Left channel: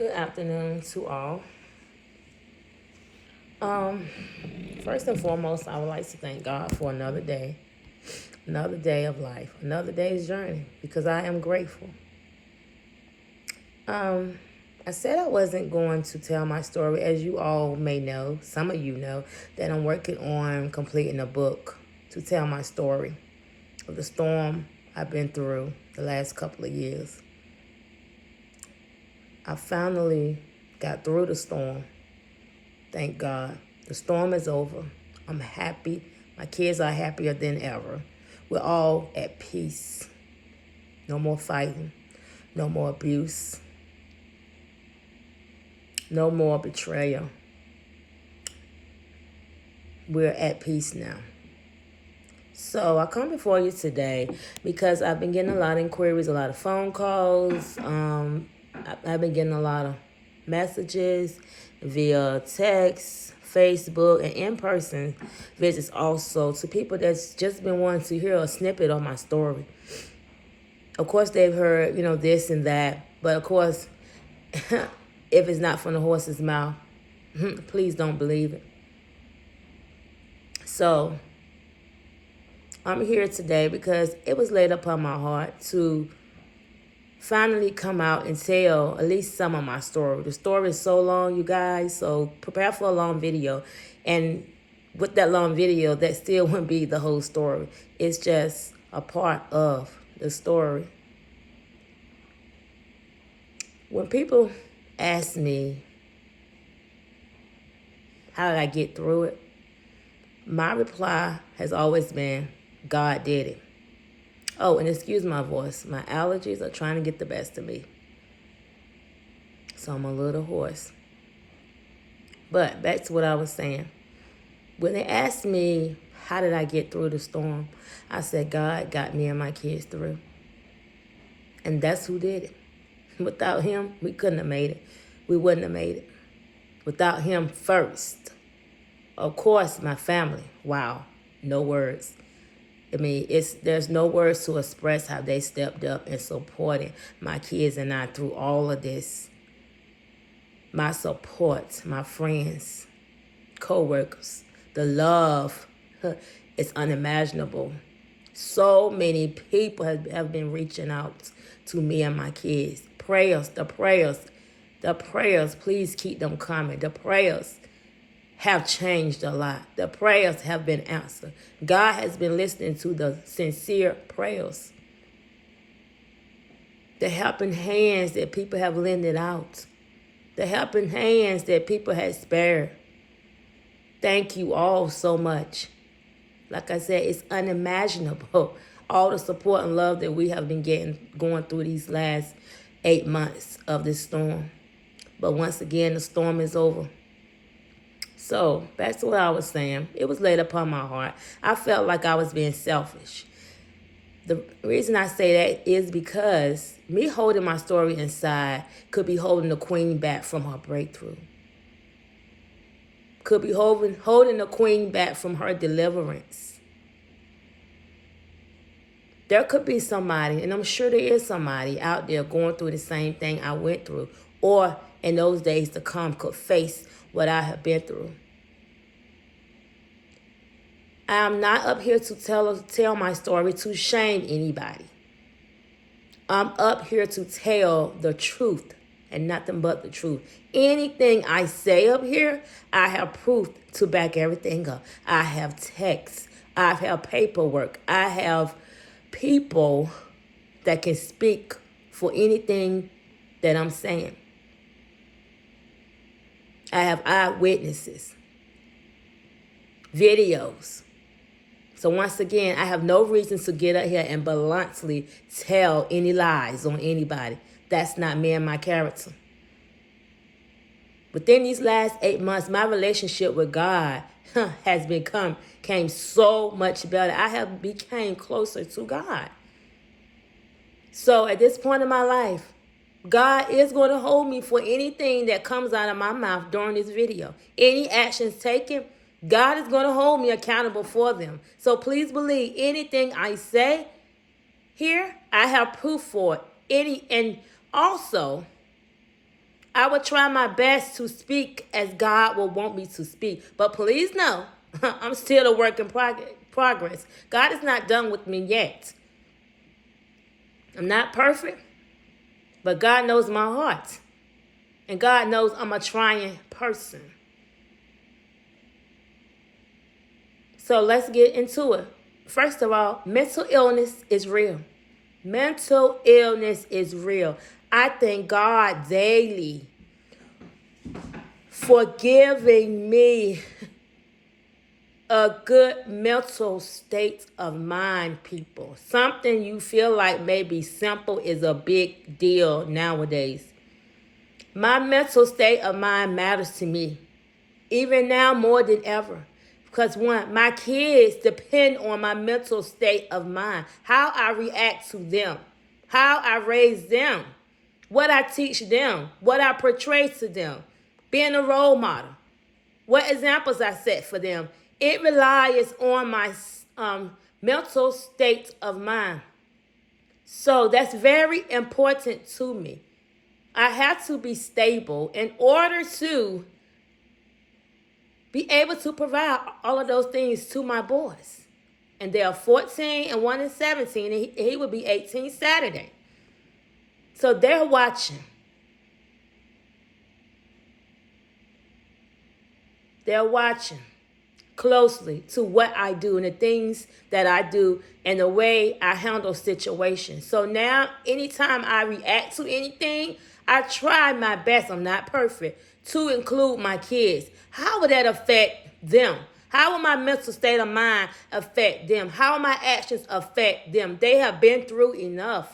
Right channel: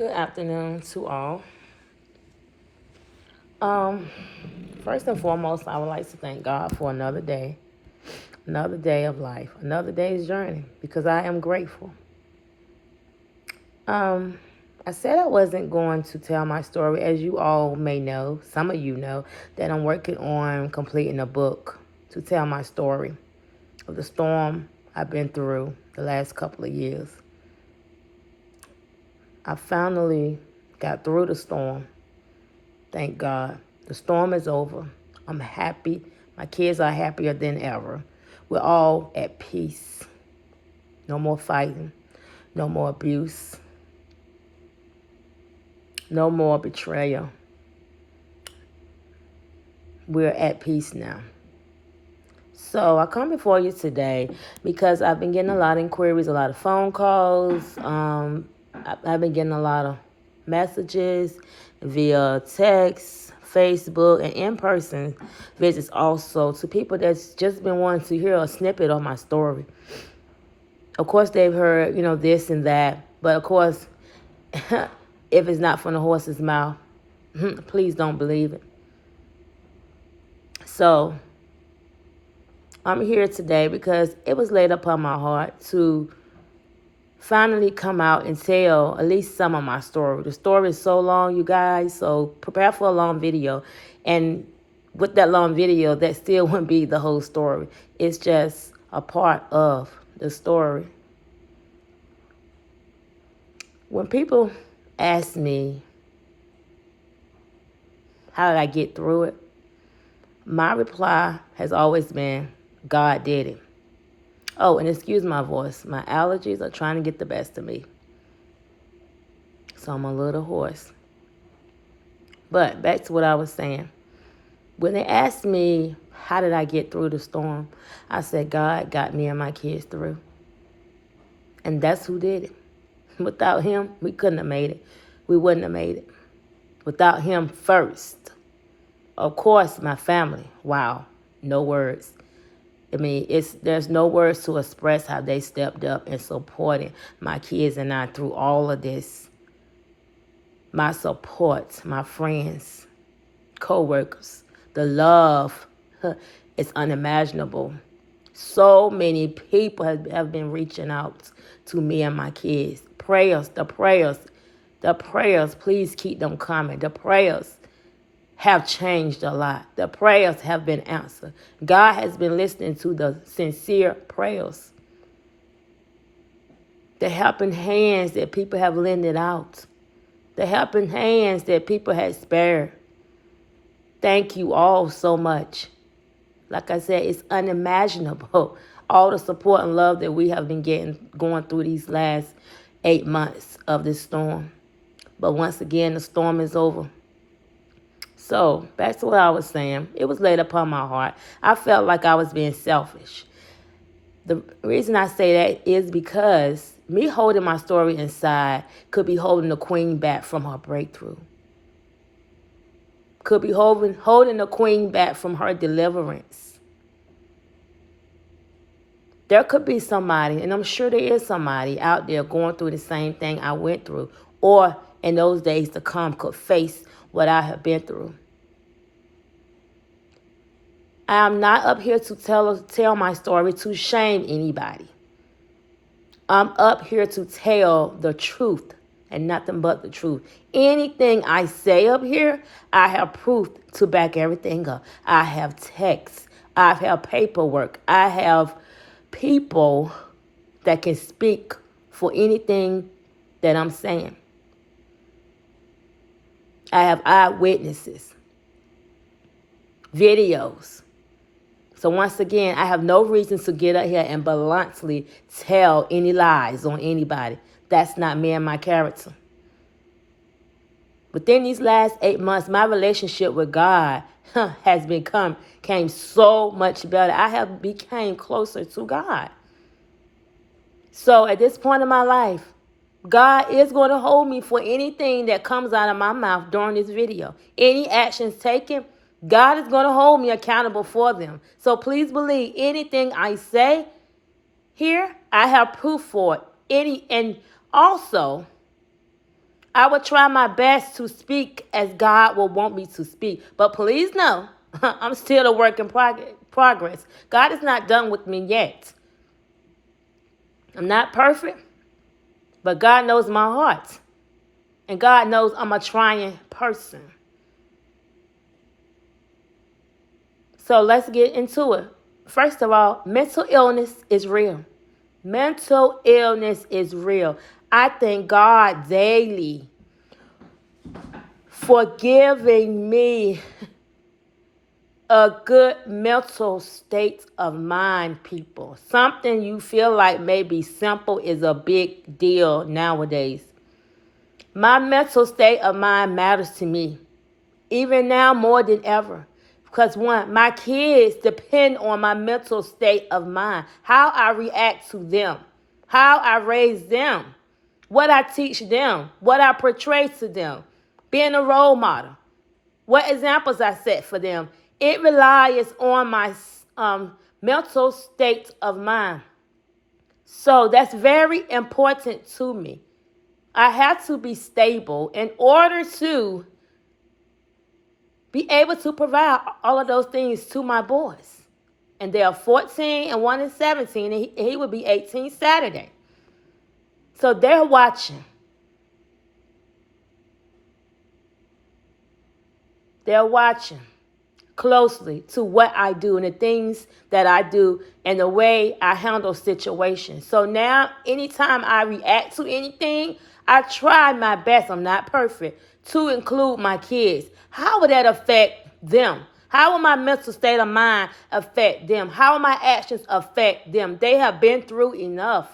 Good afternoon to all. Um, First and foremost, I would like to thank God for another day of life, another day's journey, because I am grateful. Um, I said I wasn't going to tell my story, as you all may know, some of you know, that I'm working on completing a book to tell my story of the storm I've been through the last couple of years. I finally got through the storm. Thank God. The storm is over. I'm happy. My kids are happier than ever. We're all at peace. No more fighting. No more abuse. No more betrayal. We're at peace now. So I come before you today because I've been getting a lot of inquiries, a lot of phone calls. I've been getting a lot of messages via text, Facebook, and in-person visits also to people that's just been wanting to hear a snippet of my story. Of course, they've heard, this and that. But of course, if it's not from the horse's mouth, please don't believe it. So I'm here today because it was laid upon my heart to finally come out and tell at least some of my story. The story is so long, you guys, so prepare for a long video. And with that long video, that still wouldn't be the whole story. It's just a part of the story. When people ask me, how did I get through it? My reply has always been, God did it. Oh, and excuse my voice. My allergies are trying to get the best of me. So I'm a little hoarse. But back to what I was saying. When they asked me, how did I get through the storm? I said, God got me and my kids through. And that's who did it. Without him, we couldn't have made it. We wouldn't have made it. Without him first. Of course, my family. Wow. No words. I mean, there's no words to express how they stepped up and supported my kids and I through all of this. My support, my friends, co-workers, the love is unimaginable. So many people have been reaching out to me and my kids. The prayers, please keep them coming. The prayers have changed a lot. The prayers have been answered. God has been listening to the sincere prayers. The helping hands that people have lended out. The helping hands that people had spared. Thank you all so much. Like I said, it's unimaginable. All the support and love that we have been getting going through these last 8 months of this storm. But once again, the storm is over. So, back to what I was saying. It was laid upon my heart. I felt like I was being selfish. The reason I say that is because me holding my story inside could be holding the queen back from her breakthrough. Could be holding the queen back from her deliverance. There could be somebody, and I'm sure there is somebody out there going through the same thing I went through, or in those days to come could face what I have been through. I'm not up here to tell my story to shame anybody. I'm up here to tell the truth and nothing but the truth. Anything I say up here, I have proof to back everything up. I have texts. I have paperwork. I have people that can speak for anything that I'm saying. I have eyewitnesses, videos. So once again, I have no reason to get up here and bluntly tell any lies on anybody. That's not me and my character. Within these last 8 months, my relationship with God has came so much better. I have became closer to God. So at this point in my life, God is going to hold me for anything that comes out of my mouth during this video. Any actions taken, God is going to hold me accountable for them. So please believe anything I say here, I have proof for it. And also, I will try my best to speak as God will want me to speak. But please know, I'm still a work in progress. God is not done with me yet. I'm not perfect, but God knows my heart. And God knows I'm a trying person. So let's get into it. First of all, mental illness is real. Mental illness is real. I thank God daily for giving me a good mental state of mind, people. Something you feel like may be simple is a big deal nowadays. My mental state of mind matters to me, even now more than ever. Because one, my kids depend on my mental state of mind, how I react to them, how I raise them, what I teach them, what I portray to them, being a role model, what examples I set for them. It relies on my mental state of mind. So that's very important to me. I have to be stable in order to be able to provide all of those things to my boys. And they are 14 and 1 is 17, and he will be 18 Saturday. So they're watching. They're watching closely to what I do and the things that I do and the way I handle situations. So now, anytime I react to anything, I try my best, I'm not perfect, to include my kids. How would that affect them? How will my mental state of mind affect them? How will my actions affect them? They have been through enough.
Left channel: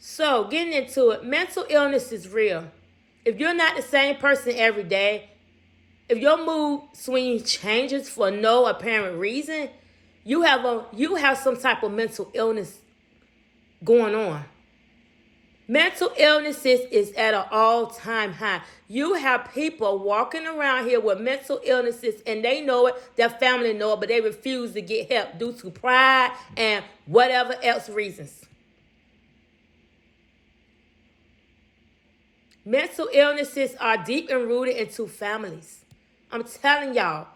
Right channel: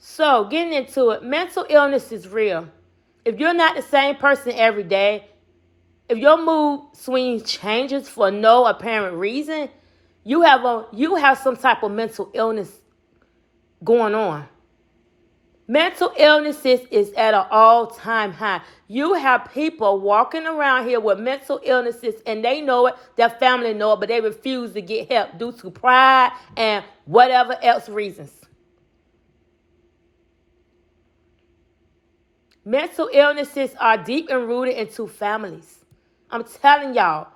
So, getting into it, mental illness is real. If you're not the same person every day, if your mood swing changes for no apparent reason, you have some type of mental illness going on. Mental illnesses is at an all-time high. You have people walking around here with mental illnesses, and they know it, their family know it, but they refuse to get help due to pride and whatever else reasons. Mental illnesses are deep and rooted into families. I'm telling y'all,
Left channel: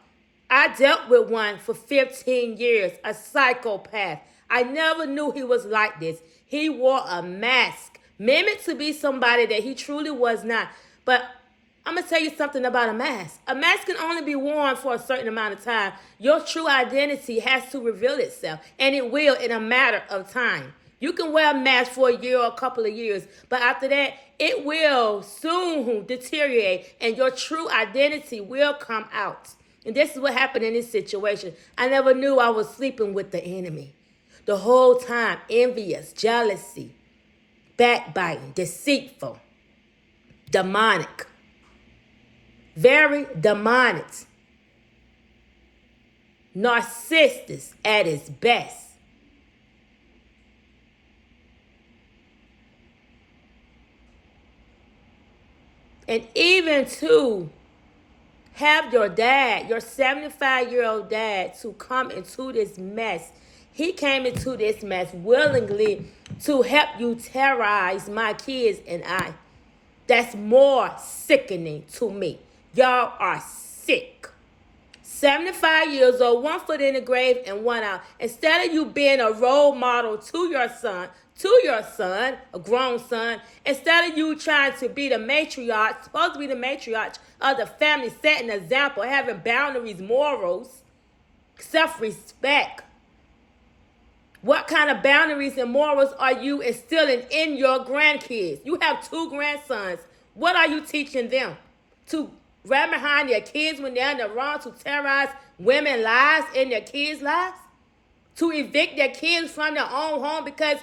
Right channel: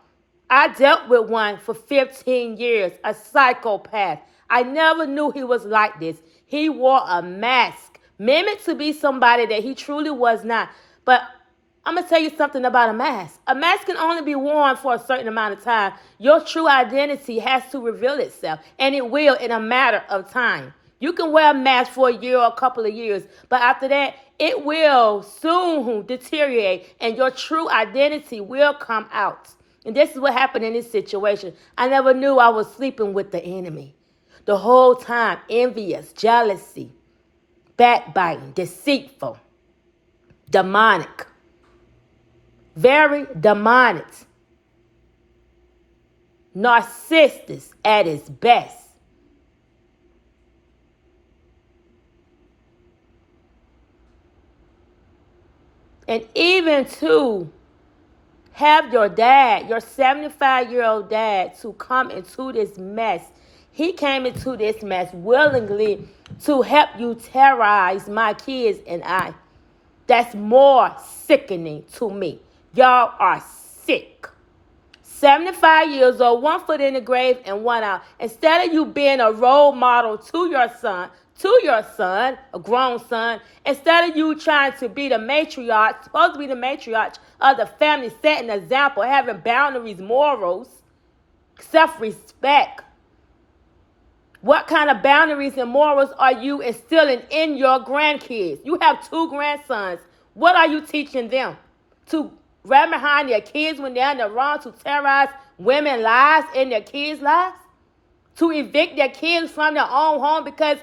I dealt with one for 15 years, a psychopath. I never knew he was like this. He wore a mask, mimicked to be somebody that he truly was not. But I'm going to tell you something about a mask. A mask can only be worn for a certain amount of time. Your true identity has to reveal itself, and it will in a matter of time. You can wear a mask for a year or a couple of years, but after that, it will soon deteriorate, and your true identity will come out. And this is what happened in this situation. I never knew I was sleeping with the enemy. The whole time, envious, jealousy, backbiting, deceitful, demonic. Very demonic. Narcissist at its best. And even to have your dad, your 75-year-old dad, to come into this mess. He came into this mess willingly to help you terrorize my kids and I. That's more sickening to me. Y'all are sick. 75 years old, 1 foot in the grave and 1 out. Instead of you being a role model to your son, a grown son, instead of you trying to be the matriarch, supposed to be the matriarch of the family, setting an example, having boundaries, morals, self-respect. What kind of boundaries and morals are you instilling in your grandkids? You have 2 grandsons. What are you teaching them? To run behind their kids when they're in the wrong, to terrorize women's lives and their kids' lives? To evict their kids from their own home because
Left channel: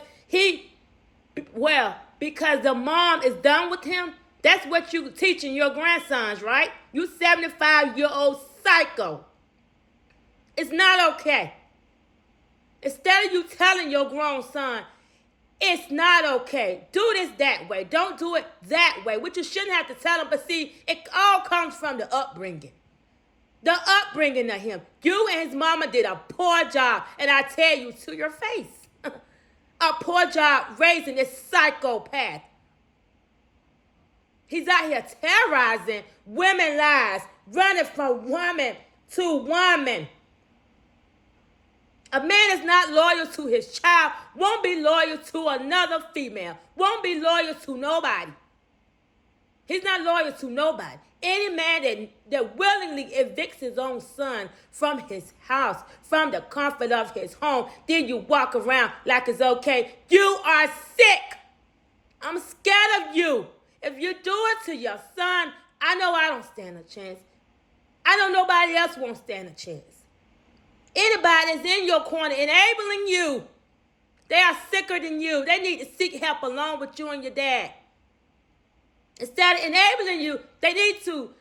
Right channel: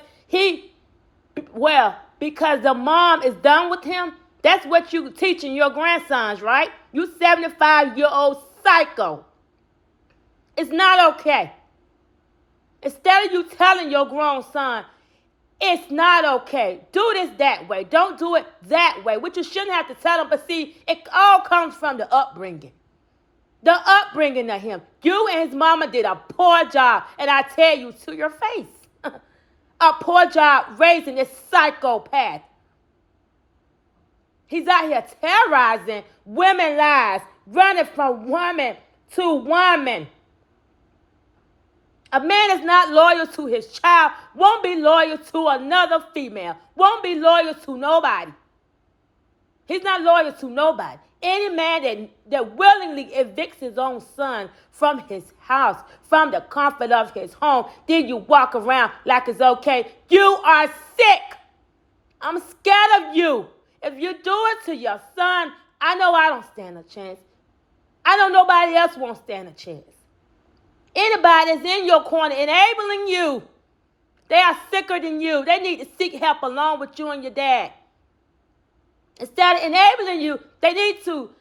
because the mom is done with him? That's what you teaching your grandsons, right? You 75-year-old psycho. It's not okay. Instead of you telling your grown son, it's not okay, do this that way, don't do it that way, which you shouldn't have to tell him, but see, it all comes from the upbringing. The upbringing of him. You and his mama did a poor job, and I tell you to your face, a poor job raising this psychopath. He's out here terrorizing women's lives, running from woman to woman. A man is not loyal to his child, won't be loyal to another female, won't be loyal to nobody. He's not loyal to nobody. Any man that willingly evicts his own son from his house, from the comfort of his home, then you walk around like it's okay. You are sick. I'm scared of you. If you do it to your son, I know I don't stand a chance. I know nobody else won't stand a chance. Anybody that's in your corner enabling you, they are sicker than you. They need to seek help along with you and your dad. Instead of enabling you, they need to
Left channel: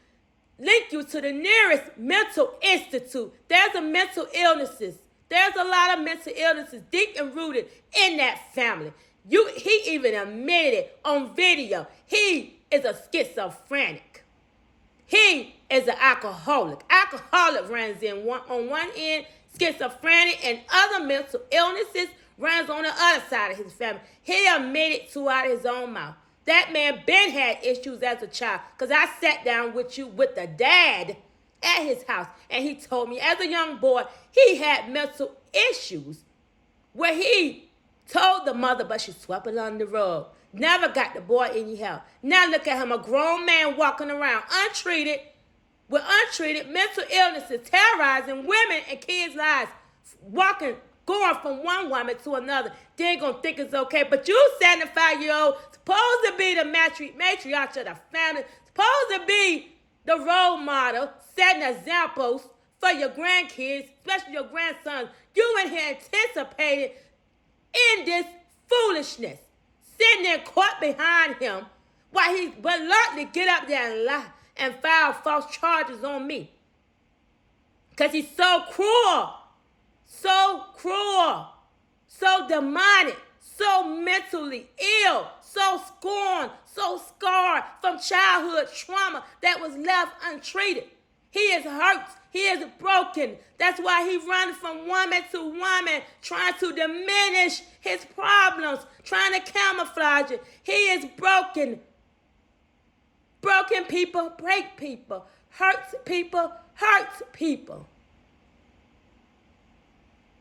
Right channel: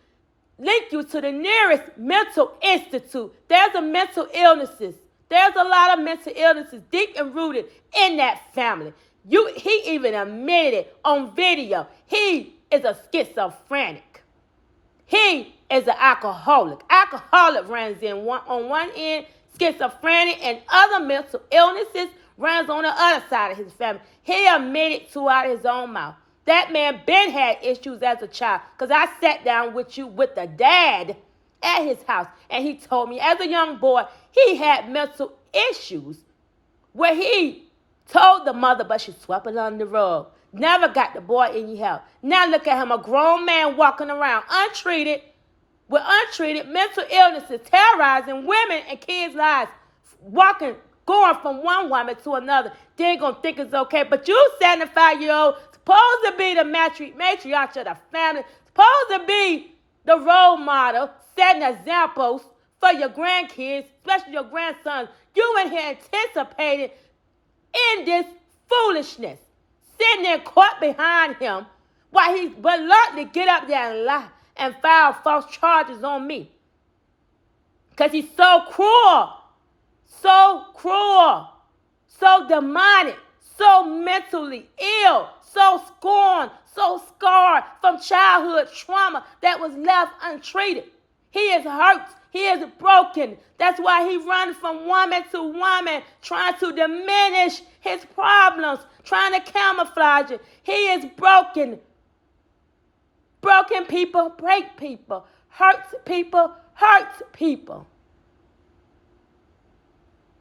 link you to the nearest mental institute. There's a mental illnesses. There's a lot of mental illnesses deep and rooted in that family. He even admitted it on video. He is a schizophrenic. He is an alcoholic. Alcoholic runs on one end, schizophrenic and other mental illnesses runs on the other side of his family. He admitted to out his own mouth. That man been had issues as a child, because I sat down with the dad at his house, and he told me as a young boy he had mental issues where he told the mother, but she swept it under the rug. Never got the boy any help. Now look at him, a grown man walking around untreated, with untreated mental illnesses, terrorizing women and kids' lives, going from one woman to another. They ain't gonna think it's okay. But you 75-year-old, supposed to be the matriarch of the family, supposed to be the role model, setting examples for your grandkids, especially your grandsons. You in here anticipating in this foolishness, sitting there caught behind him while he bluntly get up there and lie and file false charges on me. Because he's so cruel, so demonic, so mentally ill, so scorned, so scarred from childhood trauma that was left untreated. He is hurt. He is broken. That's why he runs from woman to woman, trying to diminish his problems, trying to camouflage it. He is broken. Broken people break people. Hurts people hurts people.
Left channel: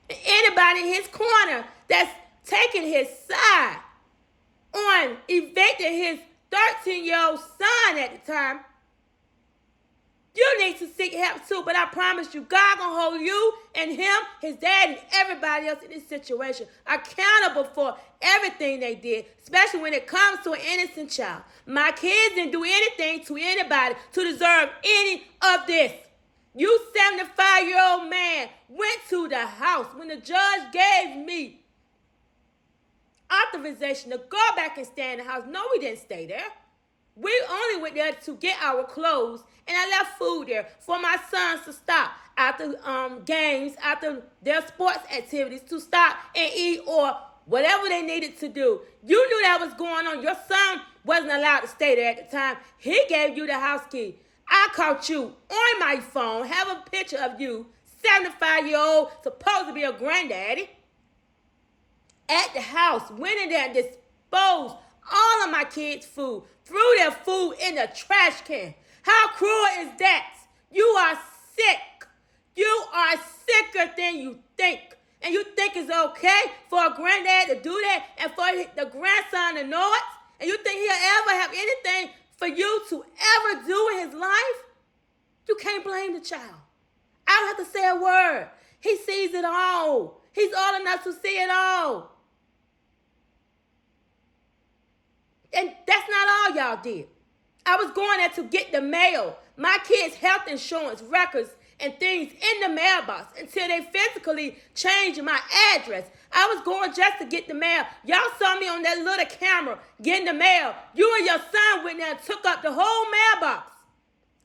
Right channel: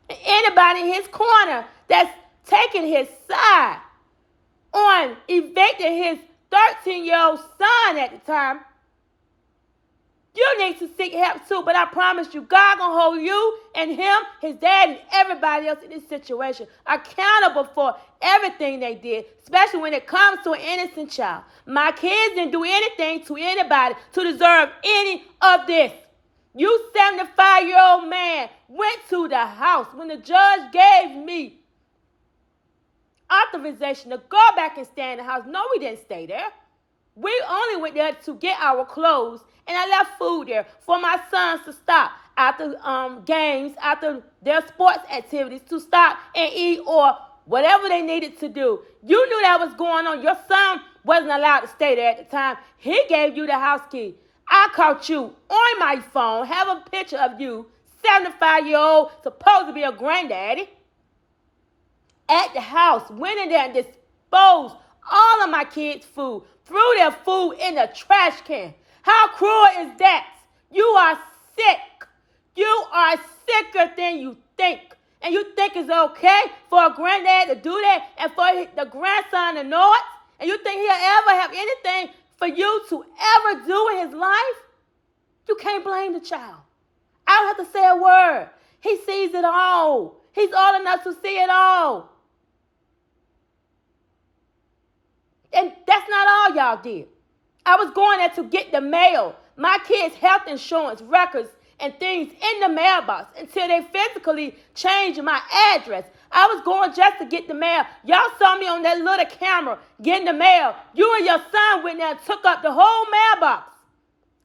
Anybody in his corner that's taking his side on evicting his 13-year-old son at the time, you need to seek help too. But I promise you, God gonna hold you and him, his dad, and everybody else in this situation accountable for everything they did, especially when it comes to an innocent child. My kids didn't do anything to anybody to deserve any of this. You 75-year-old man went to the house when the judge gave me authorization to go back and stay in the house. No, we didn't stay there. We only went there to get our clothes, and I left food there for my sons to stop after games, after their sports activities, to stop and eat or whatever they needed to do. You knew that was going on. Your son wasn't allowed to stay there at the time. He gave you the house key. I caught you on my phone, have a picture of you, 75-year-old, supposed to be a granddaddy, at the house, went in there and disposed all of my kids' food, threw their food in the trash can. How cruel is that? You are sick. You are sicker than you think. And you think it's okay for a granddad to do that and for the grandson to know it? And you think he'll ever have anything for you to ever do in his life? You can't blame the child. I don't have to say a word. He sees it all. He's old enough to see it all. And that's not all y'all did. I was going there to get the mail, my kids' health insurance records and things in the mailbox until they physically changed my address. I was going just to get the mail. Y'all saw me on that little camera getting the mail. You and your son went there and took up the whole mailbox.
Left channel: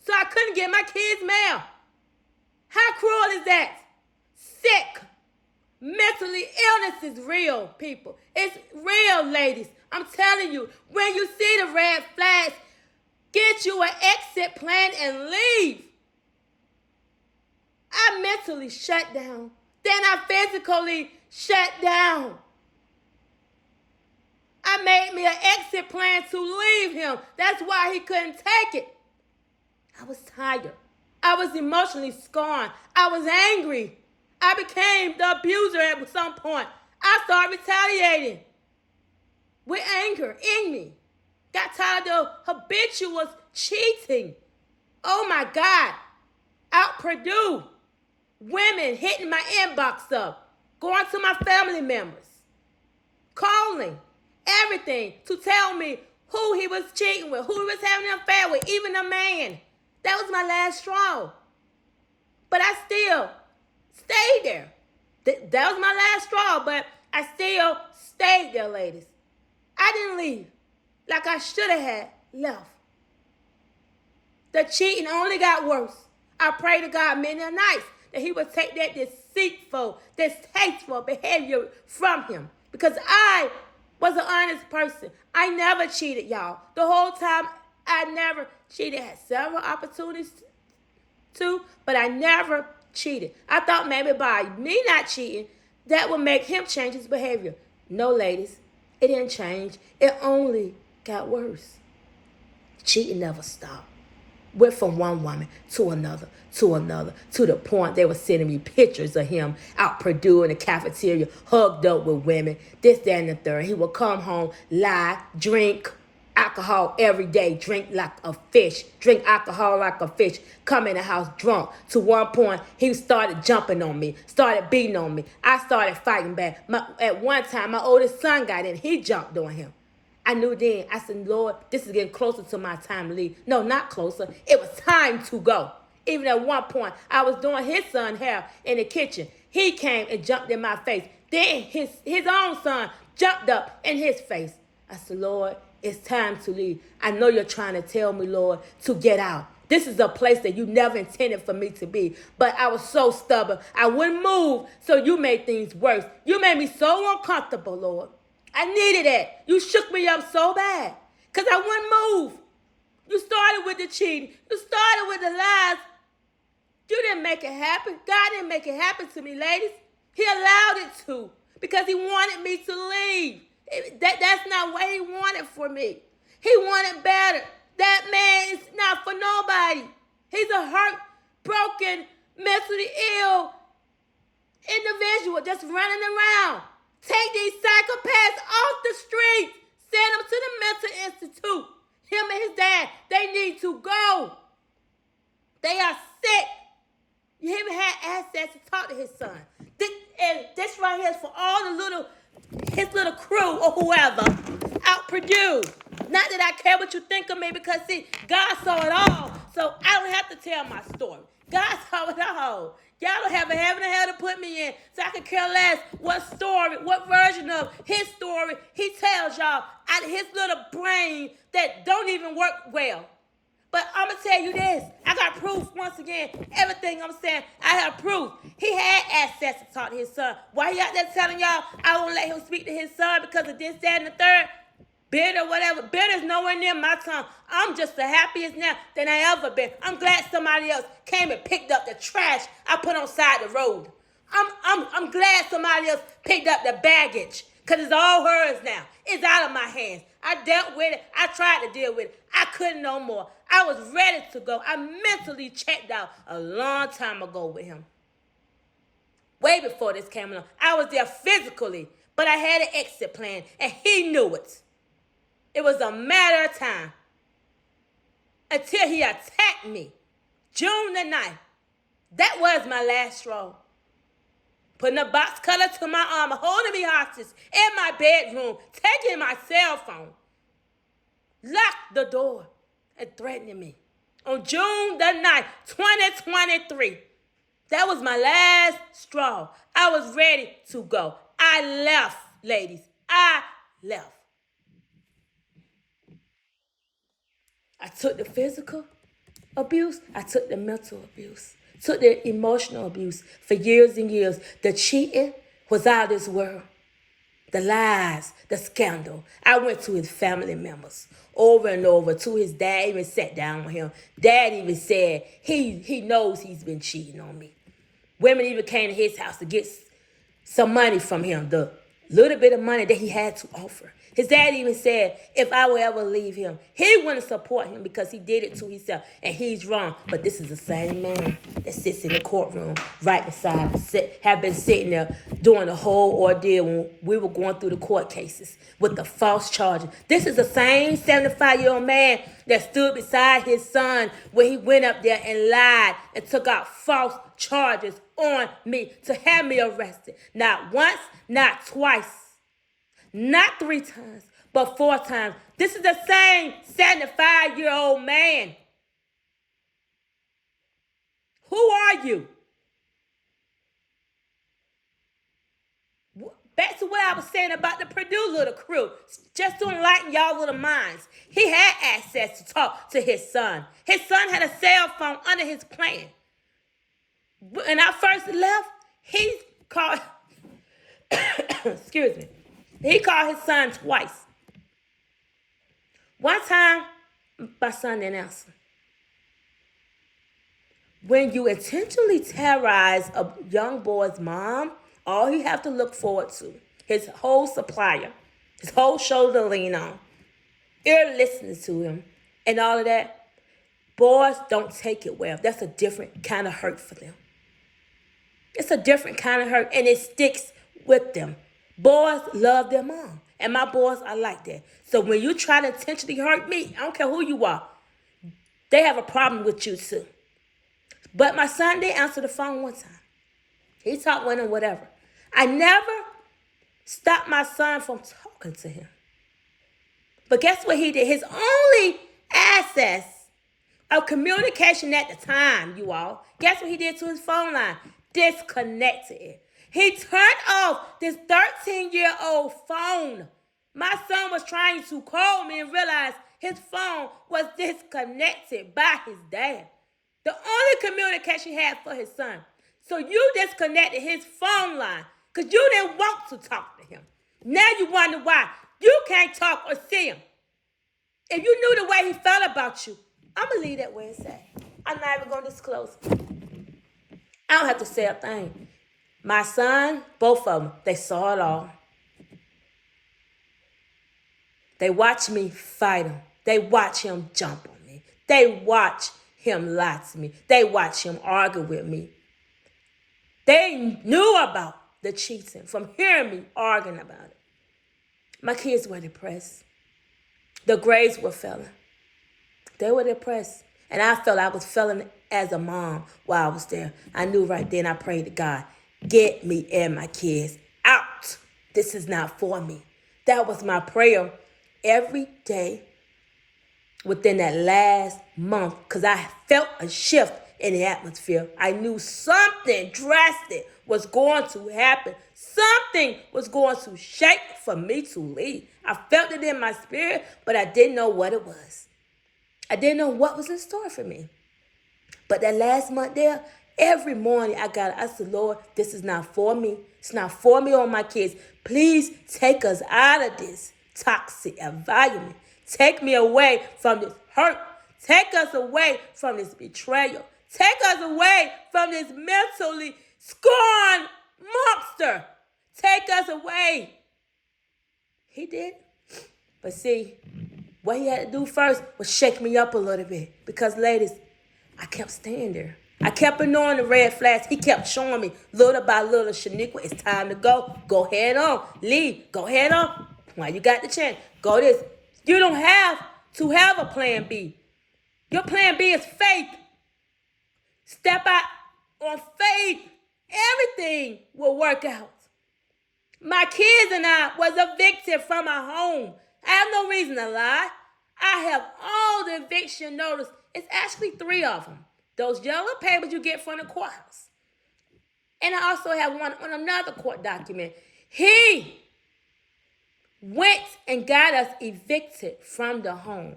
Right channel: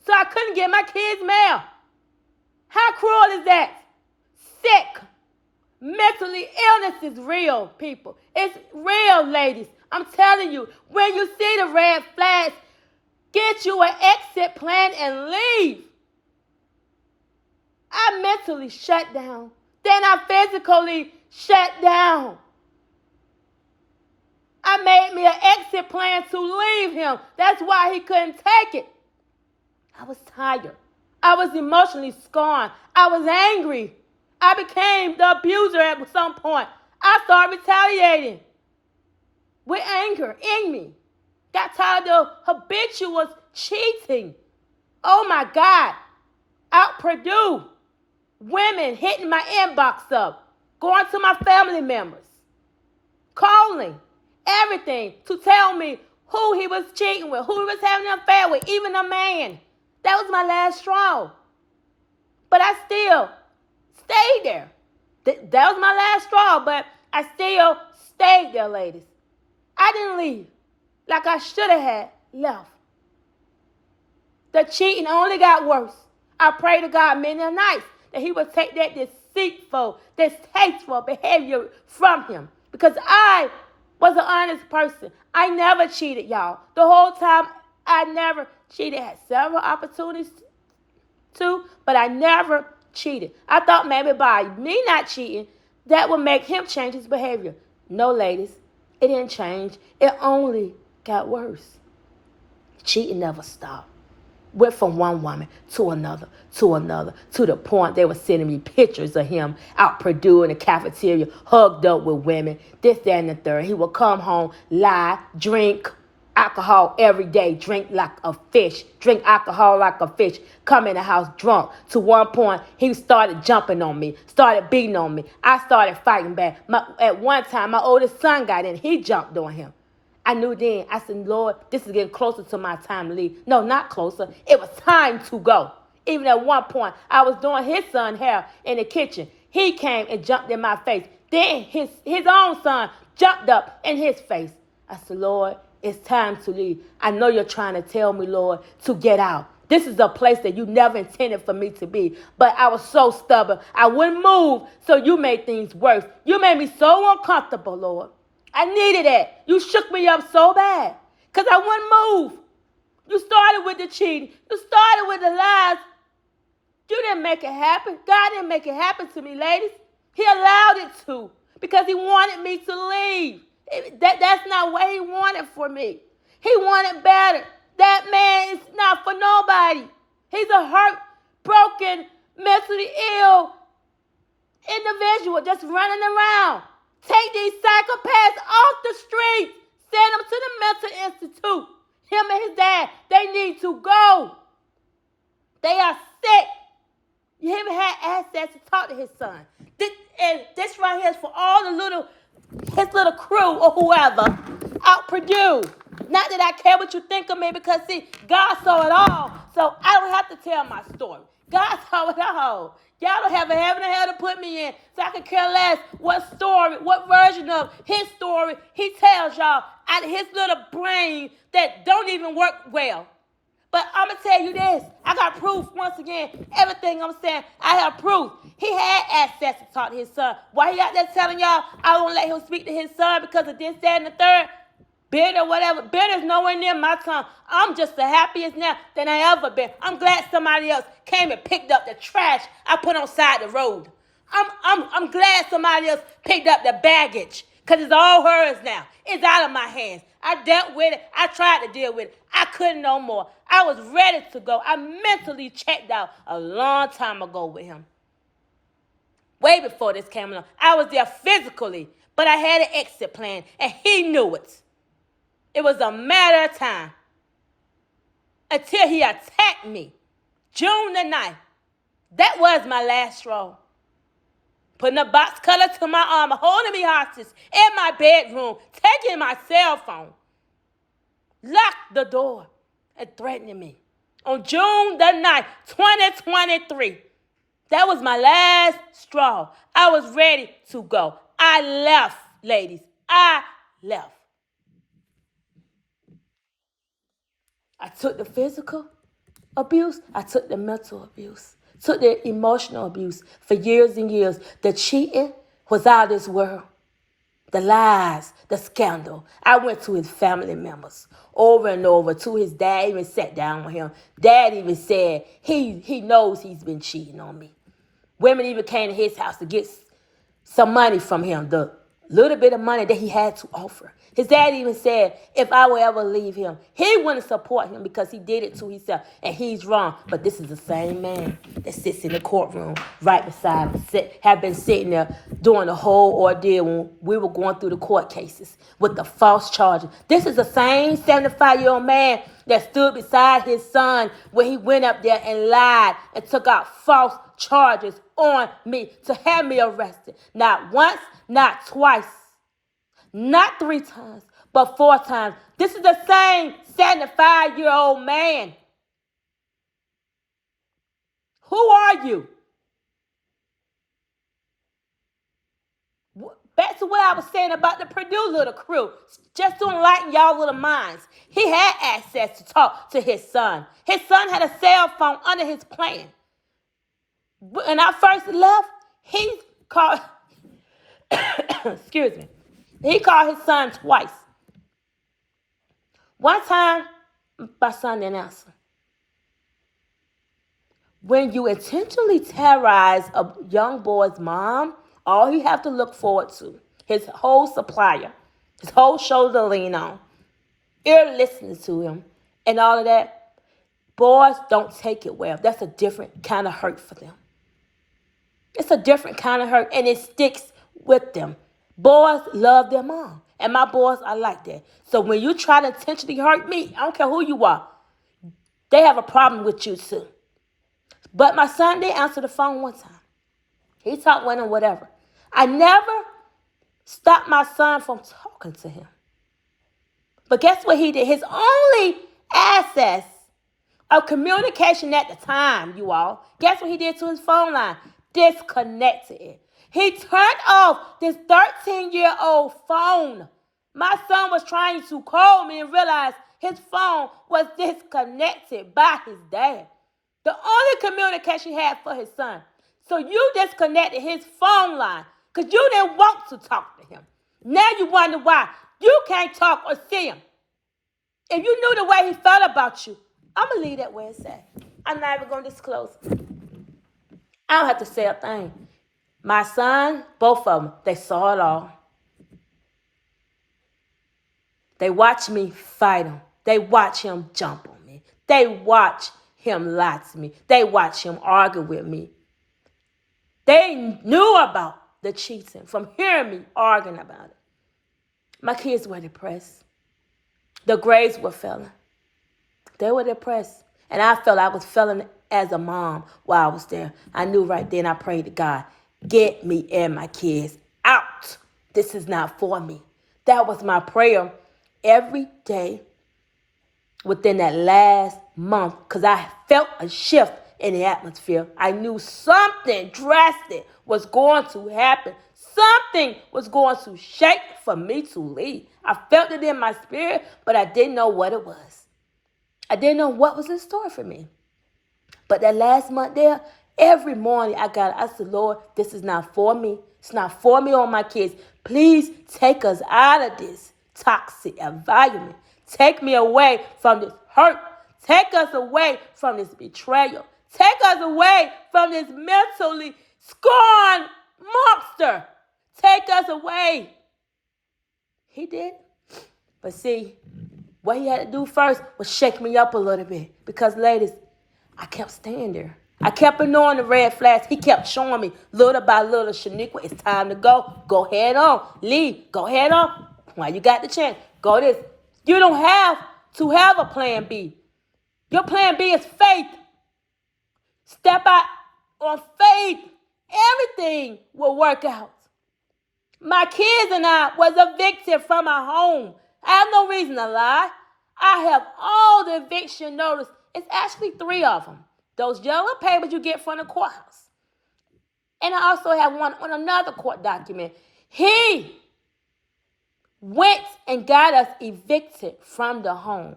So I couldn't get my kids' mail. How cruel is that? Sick. Mentally illness is real, people. It's real, ladies. I'm telling you, when you see the red flags, get you an exit plan and leave. I mentally shut down. Then I physically shut down. I made me me an exit plan to leave him. That's why he couldn't take it. I was tired. I was emotionally scorned. I was angry. I became the abuser at some point. I started retaliating with anger in me. Got tired of habitual cheating. Oh my God. Out Purdue. Women hitting my inbox up. Going to my family members. Calling. Everything to tell me who he was cheating with, who he was having an affair with, even a man. That was my last straw. But I still stayed there. That was my last straw, but I still stayed there, ladies. I didn't leave like I should have had left. The cheating only got worse. I pray to God many a nights that he would take that deceitful, distasteful behavior from him. Because I was an honest person. I never cheated, y'all. The whole time, I never cheated. Had several opportunities to, but I never cheated. I thought maybe by me not cheating, that would make him change his behavior. No, ladies, it didn't change. It only got worse. Cheating never stopped. Went from one woman to another, to the point they were sending me pictures of him out Purdue in the cafeteria, hugged up with women, this, that, and the third. He would come home, lie, drink alcohol every day, drink like a fish, drink alcohol like a fish, come in the house drunk. To one point, he started jumping on me, started beating on me. I started fighting back. At one time, my oldest son got in. He jumped on him. I knew then. I said, Lord, this is getting closer to my time to leave. No, not closer. It was time to go. Even at one point, I was doing his son's hair in the kitchen. He came and jumped in my face. Then his own son jumped up in his face. I said, Lord, it's time to leave. I know you're trying to tell me, Lord, to get out. This is a place that you never intended for me to be. But I was so stubborn. I wouldn't move, so you made things worse. You made me so uncomfortable, Lord. I needed that. You shook me up so bad because I wouldn't move. You started with the cheating. You started with the lies. You didn't make it happen. God didn't make it happen to me, ladies. He allowed it to because he wanted me to leave. That's not what he wanted for me. He wanted better. That man is not for nobody. He's a hurt, broken, mentally ill individual just running around. Take these psychopaths off the streets. Send them to the mental institute. Him and his dad, they need to go. They are sick. You even had access to talk to his son. This right here is for all his little crew or whoever out Purdue. Not that I care what you think of me because, see, God saw it all. So I don't have to tell my story. God saw it all. Y'all don't have a heaven or hell to put me in, so I could care less what story, what version of his story he tells y'all out of his little brain that don't even work well. But I'm going to tell you this. I got proof once again. Everything I'm saying, I have proof. He had access to talk to his son. Why he out there telling y'all I won't let him speak to his son because of this, that, and the third? Bitter, whatever. Bitter's nowhere near my tongue. I'm just the happiest now than I ever been. I'm glad somebody else came and picked up the trash I put on side the road. I'm glad somebody else picked up the baggage because it's all hers now. It's out of my hands. I dealt with it. I tried to deal with it. I couldn't no more. I was ready to go. I mentally checked out a long time ago with him. Way before this came along. I was there physically, but I had an exit plan, and he knew it. It was a matter of time until he attacked me. June the 9th. That was my last straw. Putting a box cutter to my arm, holding me hostage in my bedroom, taking my cell phone, locked the door, and threatening me. On June the 9th, 2023. That was my last straw. I was ready to go. I left, ladies. I left. I took the physical abuse. I took the mental abuse. Took the emotional abuse for years and years. The cheating was out of this world. The lies, the scandal. I went to his family members over and over, to his dad. Even sat down with him. Dad even said he knows he's been cheating on me. Women even came to his house to get some money from him. The little bit of money that he had to offer. His dad even said, if I will ever leave him, he wouldn't support him because he did it to himself and he's wrong. But this is the same man that sits in the courtroom right beside him, have been sitting there during the whole ordeal when we were going through the court cases with the false charges. This is the same 75-year-old man that stood beside his son when he went up there and lied and took out false charges on me to have me arrested. Not once, not twice. Not 3 times, but 4 times. This is the same 75-year-old man. Who are you? Back to what I was saying about the Purdue little crew. Just to enlighten y'all little minds. He had access to talk to his son. His son had a cell phone under his plan. When I first left, he called, excuse me, he called his son twice. One time, my son didn't answer. When you intentionally terrorize a young boy's mom, all you have to look forward to, his whole supplier, his whole shoulder to lean on, ear listening to him, and all of that, boys don't take it well. That's a different kind of hurt for them. It's a different kind of hurt, and it sticks with them. Boys love their mom, and my boys are like that. So when you try to intentionally hurt me, I don't care who you are, they have a problem with you too. But my son did answer the phone one time. He talked with him, whatever. I never stopped my son from talking to him. But guess what he did? His only access of communication at the time, you all, guess what he did to his phone line? Disconnected it. He turned off this 13-year-old phone. My son was trying to call me and realized his phone was disconnected by his dad. The only communication he had for his son. So you disconnected his phone line because you didn't want to talk to him. Now you wonder why you can't talk or see him. If you knew the way he felt about you, I'm going to leave that where it's at. I'm not even going to disclose it. I don't have to say a thing. My son, both of them, they saw it all. They watch me fight him. They watch him jump on me. They watch him lie to me. They watch him argue with me. They knew about the cheating from hearing me arguing about it. My kids were depressed. The grades were failing. They were depressed. And I felt I was failing as a mom while I was there. I knew right then, I prayed to God, get me and my kids out. This is not for me. That was my prayer every day within that last month because I felt a shift in the atmosphere. I knew something drastic was going to happen. Something was going to shake for me to leave. I felt it in my spirit, but I didn't know what it was. I didn't know what was in store for me. But that last month there, every morning I said, Lord, this is not for me. It's not for me or my kids. Please take us out of this toxic environment. Take me away from this hurt. Take us away from this betrayal. Take us away from this mentally scorned monster. Take us away. He did. But see, what he had to do first was shake me up a little bit. Because, ladies, I kept staying there. I kept ignoring the red flags. He kept showing me little by little, Shaniqua, it's time to go. Go head on. Leave. Go head on. While you got the chance, go this. You don't have to have a plan B. Your plan B is faith. Step out on faith. Everything will work out. My kids and I was evicted from our home. I have no reason to lie. I have all the eviction notice. It's actually 3 of them. Those yellow papers you get from the courthouse. And I also have one on another court document. He went and got us evicted from the home.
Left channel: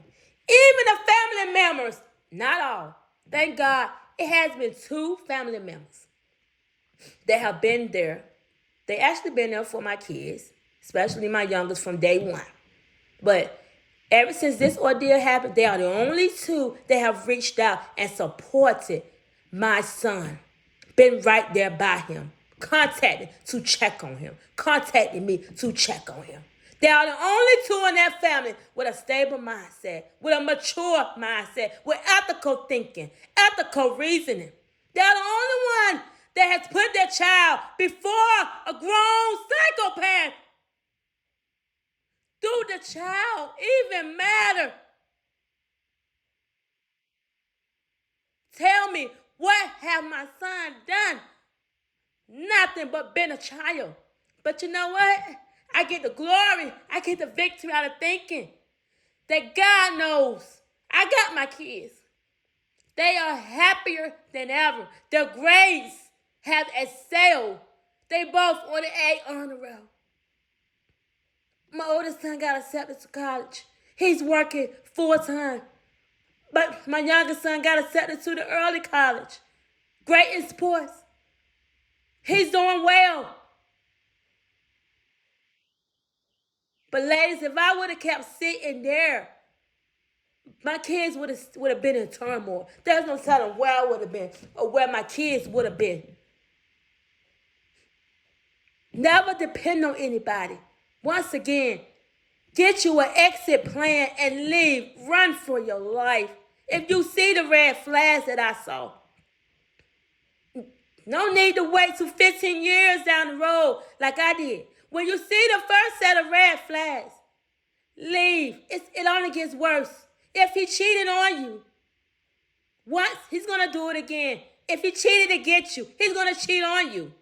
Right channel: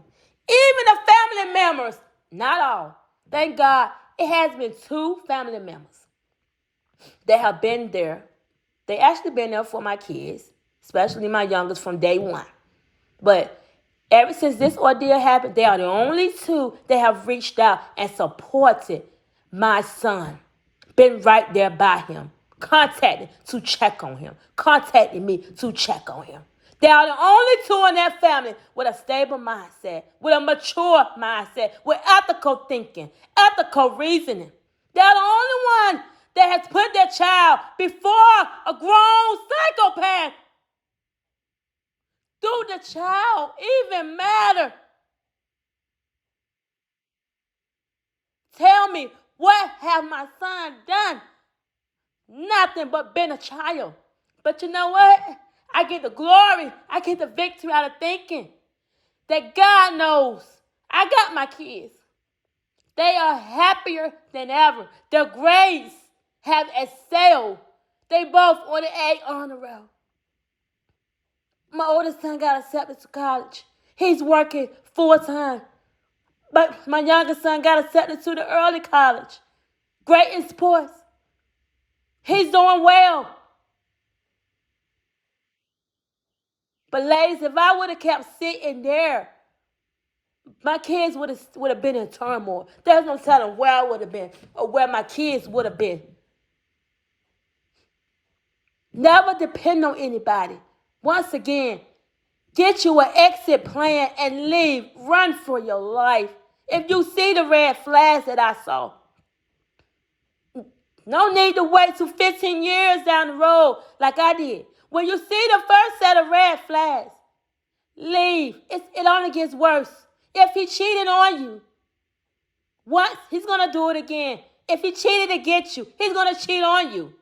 Even the family members, not all. Thank God, it has been 2 family members that have been there. They actually been there for my kids, especially my youngest from day one. But ever since this ordeal happened, they are the only 2 that have reached out and supported my son. Been right there by him. Contacted to check on him. Contacted me to check on him. They are the only two in that family with a stable mindset, with a mature mindset, with ethical thinking, ethical reasoning. They're the only one that has put their child before a grown psychopath. Do the child even matter? Tell me, what have my son done? Nothing but been a child. But you know what? I get the glory. I get the victory out of thinking that God knows I got my kids. They are happier than ever. Their grades have excelled. They both on the A honor roll. My oldest son got accepted to college. He's working full time. But my youngest son got accepted to the early college. Great in sports. He's doing well. But ladies, if I would have kept sitting there, my kids would have been in turmoil. There's no telling where I would have been or where my kids would have been. Never depend on anybody. Once again, get you an exit plan and leave. Run for your life. If you see the red flags that I saw, no need to wait till 15 years down the road like I did. When you see the first set of red flags, leave. It only gets worse. If he cheated on you once, he's going to do it again. If he cheated to get you, he's going to cheat on you.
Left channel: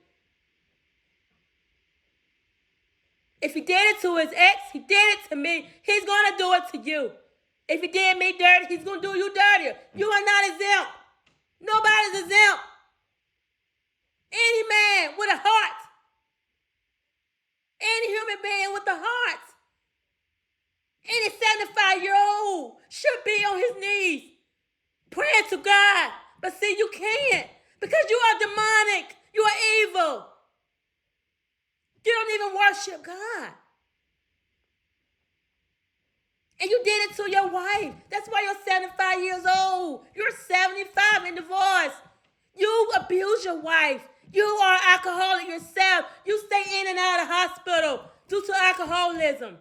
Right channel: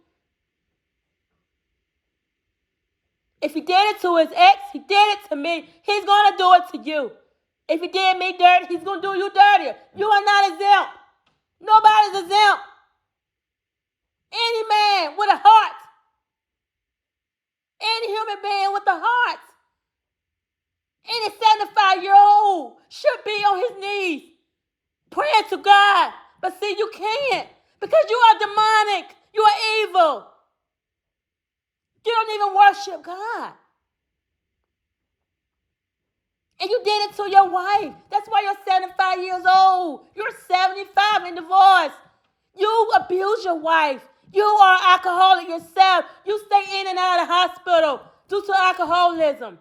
If he did it to his ex, he did it to me. He's going to do it to you. If he did me dirty, he's going to do you dirtier. You are not exempt. Nobody's exempt. Any man with a heart, any human being with a heart, any 75-year-old should be on his knees praying to God. But see, you can't because you are demonic. You are evil. You don't even worship God. And you did it to your wife. That's why you're 75 years old. You're 75 and divorced. You abuse your wife. You are alcoholic yourself. You stay in and out of the hospital due to alcoholism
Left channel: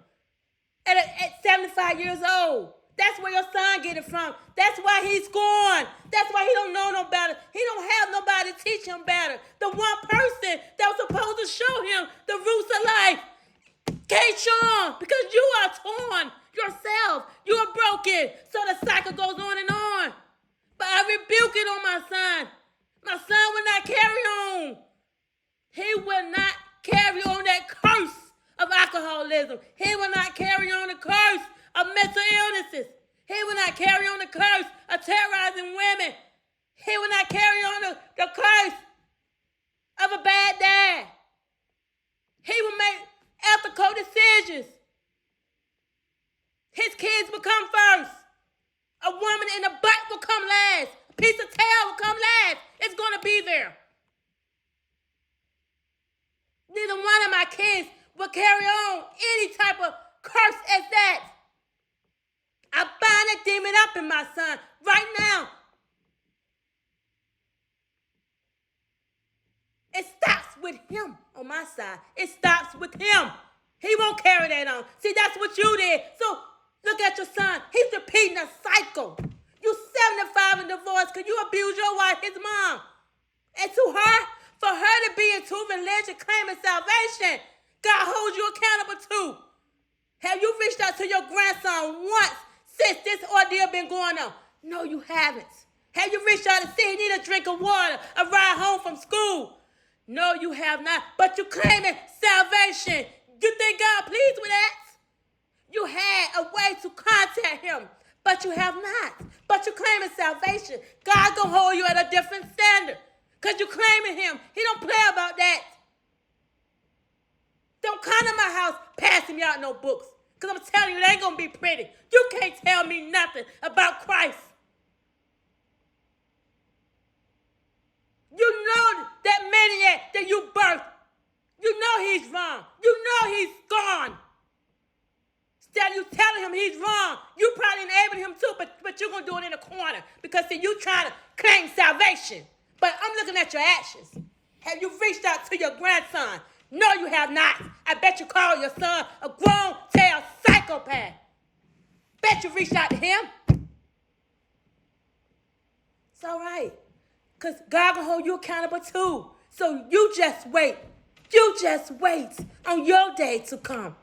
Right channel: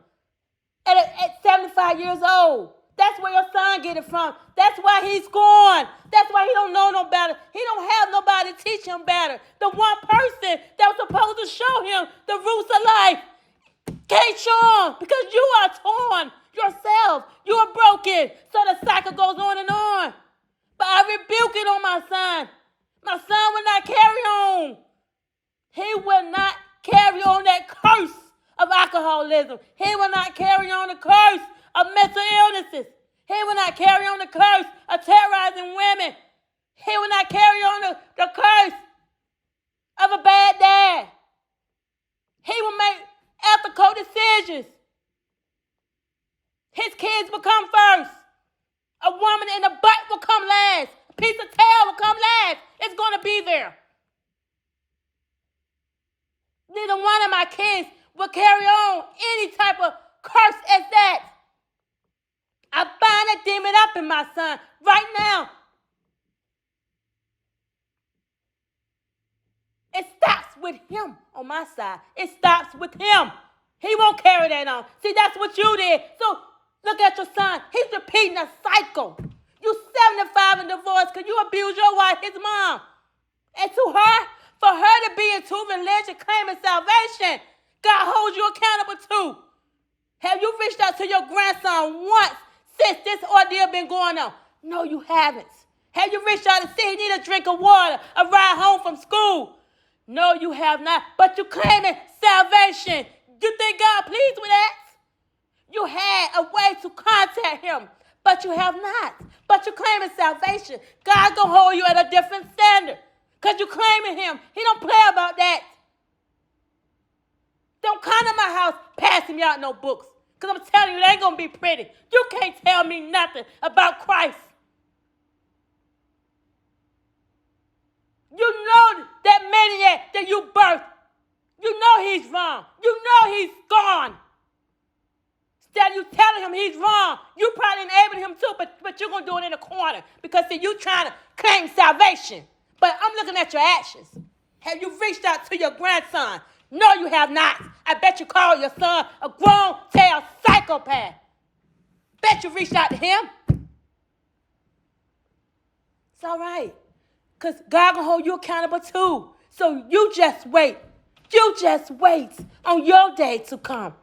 at 75 years old. That's where your son get it from. That's why he's gone. That's why he don't know no better. He don't have nobody to teach him better. The one person that was supposed to show him the roots of life can't show him because you are torn yourself. You are broken. So the cycle goes on and on. But I rebuke it on my son. My son will not carry on. He will not carry on that curse of alcoholism. He will not carry on the curse of mental illnesses. He will not carry on the curse of terrorizing women. He will not carry on the curse of a bad dad. He will make ethical decisions. His kids will come first. A woman in the butt will come last. A piece of tail will come last. It's going to be there. Neither one of my kids will carry on any type of curse as that. I bind that demon up in my son right now. It stops with him on my side. It stops with him. He won't carry that on. See, that's what you did. So look at your son. He's repeating a cycle. You 75 and divorced because you abused your wife, his mom. And to her, for her to be into religion, claiming salvation, God holds you accountable too. Have you reached out to your grandson once since this ordeal been going on? No, you haven't. Have you reached out and said he need a drink of water, a ride home from school? No, you have not. But you claiming salvation. You think God pleased with that? You had a way to contact him, but you have not. But you claiming salvation. God gonna hold you at a different standard because you claiming him. He don't play about that. Don't come to my house passing me out no books because I'm telling you, it ain't gonna be pretty. You can't tell me nothing about Christ. You know that maniac that you birthed. You know he's wrong. You know he's gone. Instead of you telling him he's wrong, you probably enabled him too, but you're going to do it in a corner because, see, you trying to claim salvation. But I'm looking at your actions. Have you reached out to your grandson No, you have not. I bet you call your son a grown-tail psychopath. Bet you reached out to him. It's all right. Because God gonna hold you accountable too. So you just wait. You just wait on your day to come.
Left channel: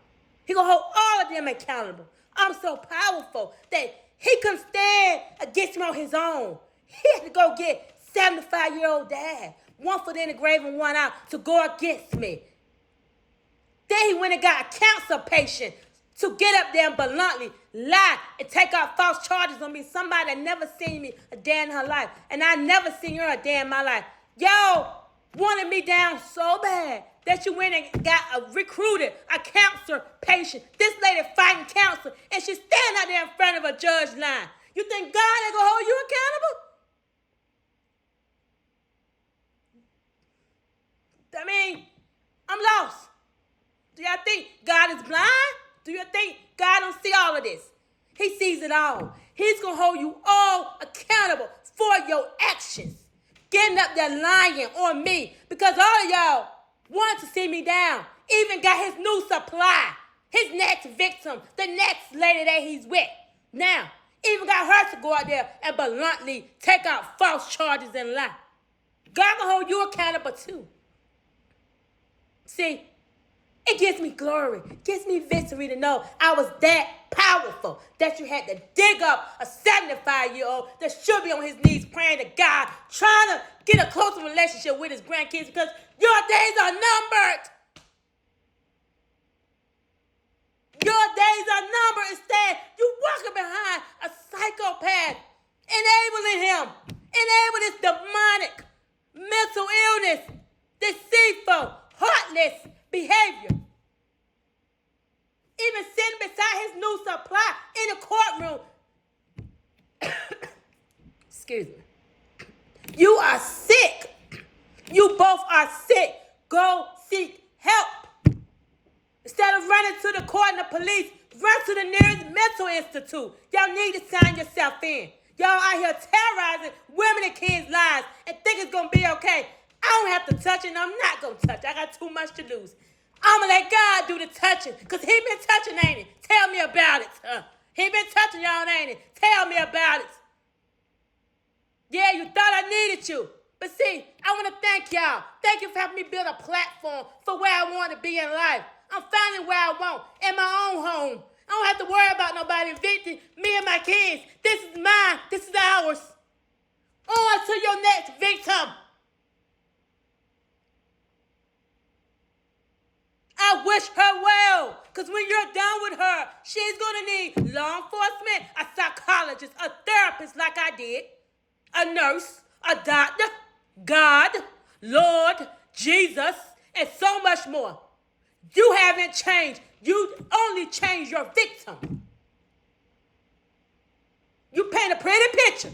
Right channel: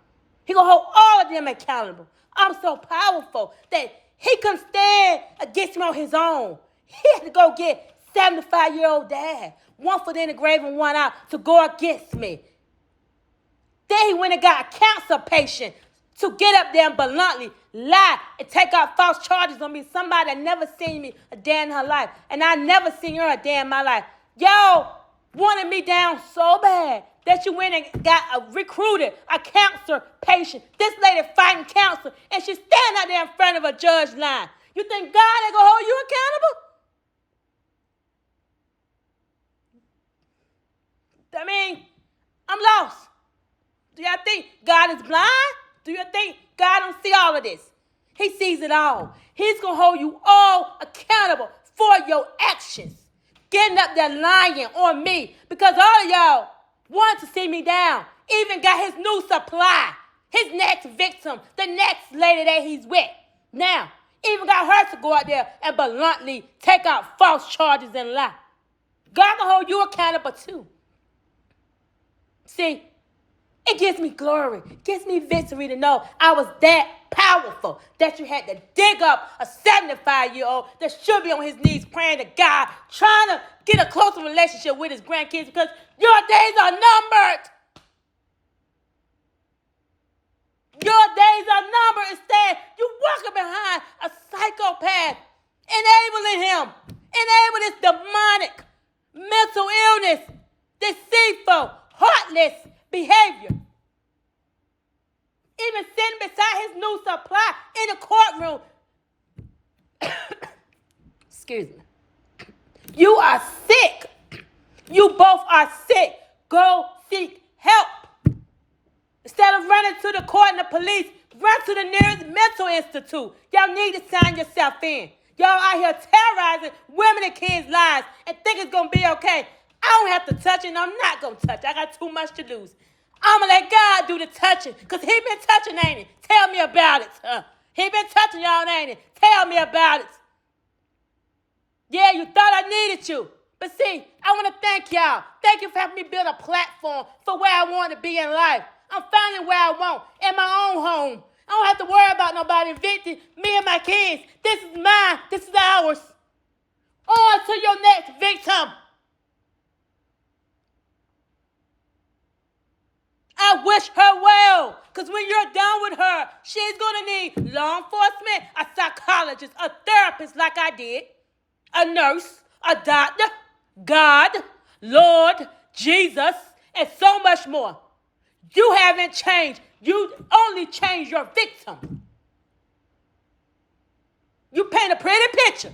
He gonna hold all of them accountable. I'm so powerful that he couldn't stand against me on his own. He had to go get 75-year-old dad, one foot in the grave and one out, to go against me. Then he went and got a cancer patient to get up there and bluntly lie and take out false charges on me. Somebody that never seen me a day in her life. And I never seen her a day in my life. Y'all wanted me down so bad that you went and recruited a cancer patient. This lady fighting cancer, and she's standing out there in front of a judge line. You think God ain't gonna hold you accountable? I mean, I'm lost. Do y'all think God is blind? Do you think God don't see all of this? He sees it all. He's going to hold you all accountable for your actions. Getting up there lying on me because all of y'all wanted to see me down. Even got his new supply, his next victim, the next lady that he's with. Now, even got her to go out there and bluntly take out false charges and lie. God will hold you accountable too. See, it gives me glory, gives me victory to know I was that powerful that you had to dig up a 75-year-old that should be on his knees praying to God, trying to get a closer relationship with his grandkids because your days are numbered. Your days are numbered. Instead, you walking behind a psychopath, enabling him, enabling this demonic mental illness, deceitful, heartless behavior. Even sitting beside his new supply in the courtroom. Excuse me. You are sick. You both are sick. Go seek help. Instead of running to the court and the police, run to the nearest mental institute. Y'all need to sign yourself in. Y'all out here terrorizing women and kids' lives and think it's going to be okay. I don't have to touch it, and I'm not going to touch it. I got too much to lose. I'm going to let God do the touching, because he been touching, ain't he? Tell me about it. He been touching y'all, ain't he? Tell me about it. Yeah, you thought I needed you. But see, I want to thank y'all. Thank you for helping me build a platform for where I want to be in life. I'm finally where I want, in my own home. I don't have to worry about nobody evicting me and my kids. This is mine. This is ours. On to your next victim. I wish her well, because when you're done with her, she's going to need law enforcement, a psychologist, a therapist like I did, a nurse, a doctor, God, Lord, Jesus, and so much more. You haven't changed. You only changed your victim. You paint a pretty picture.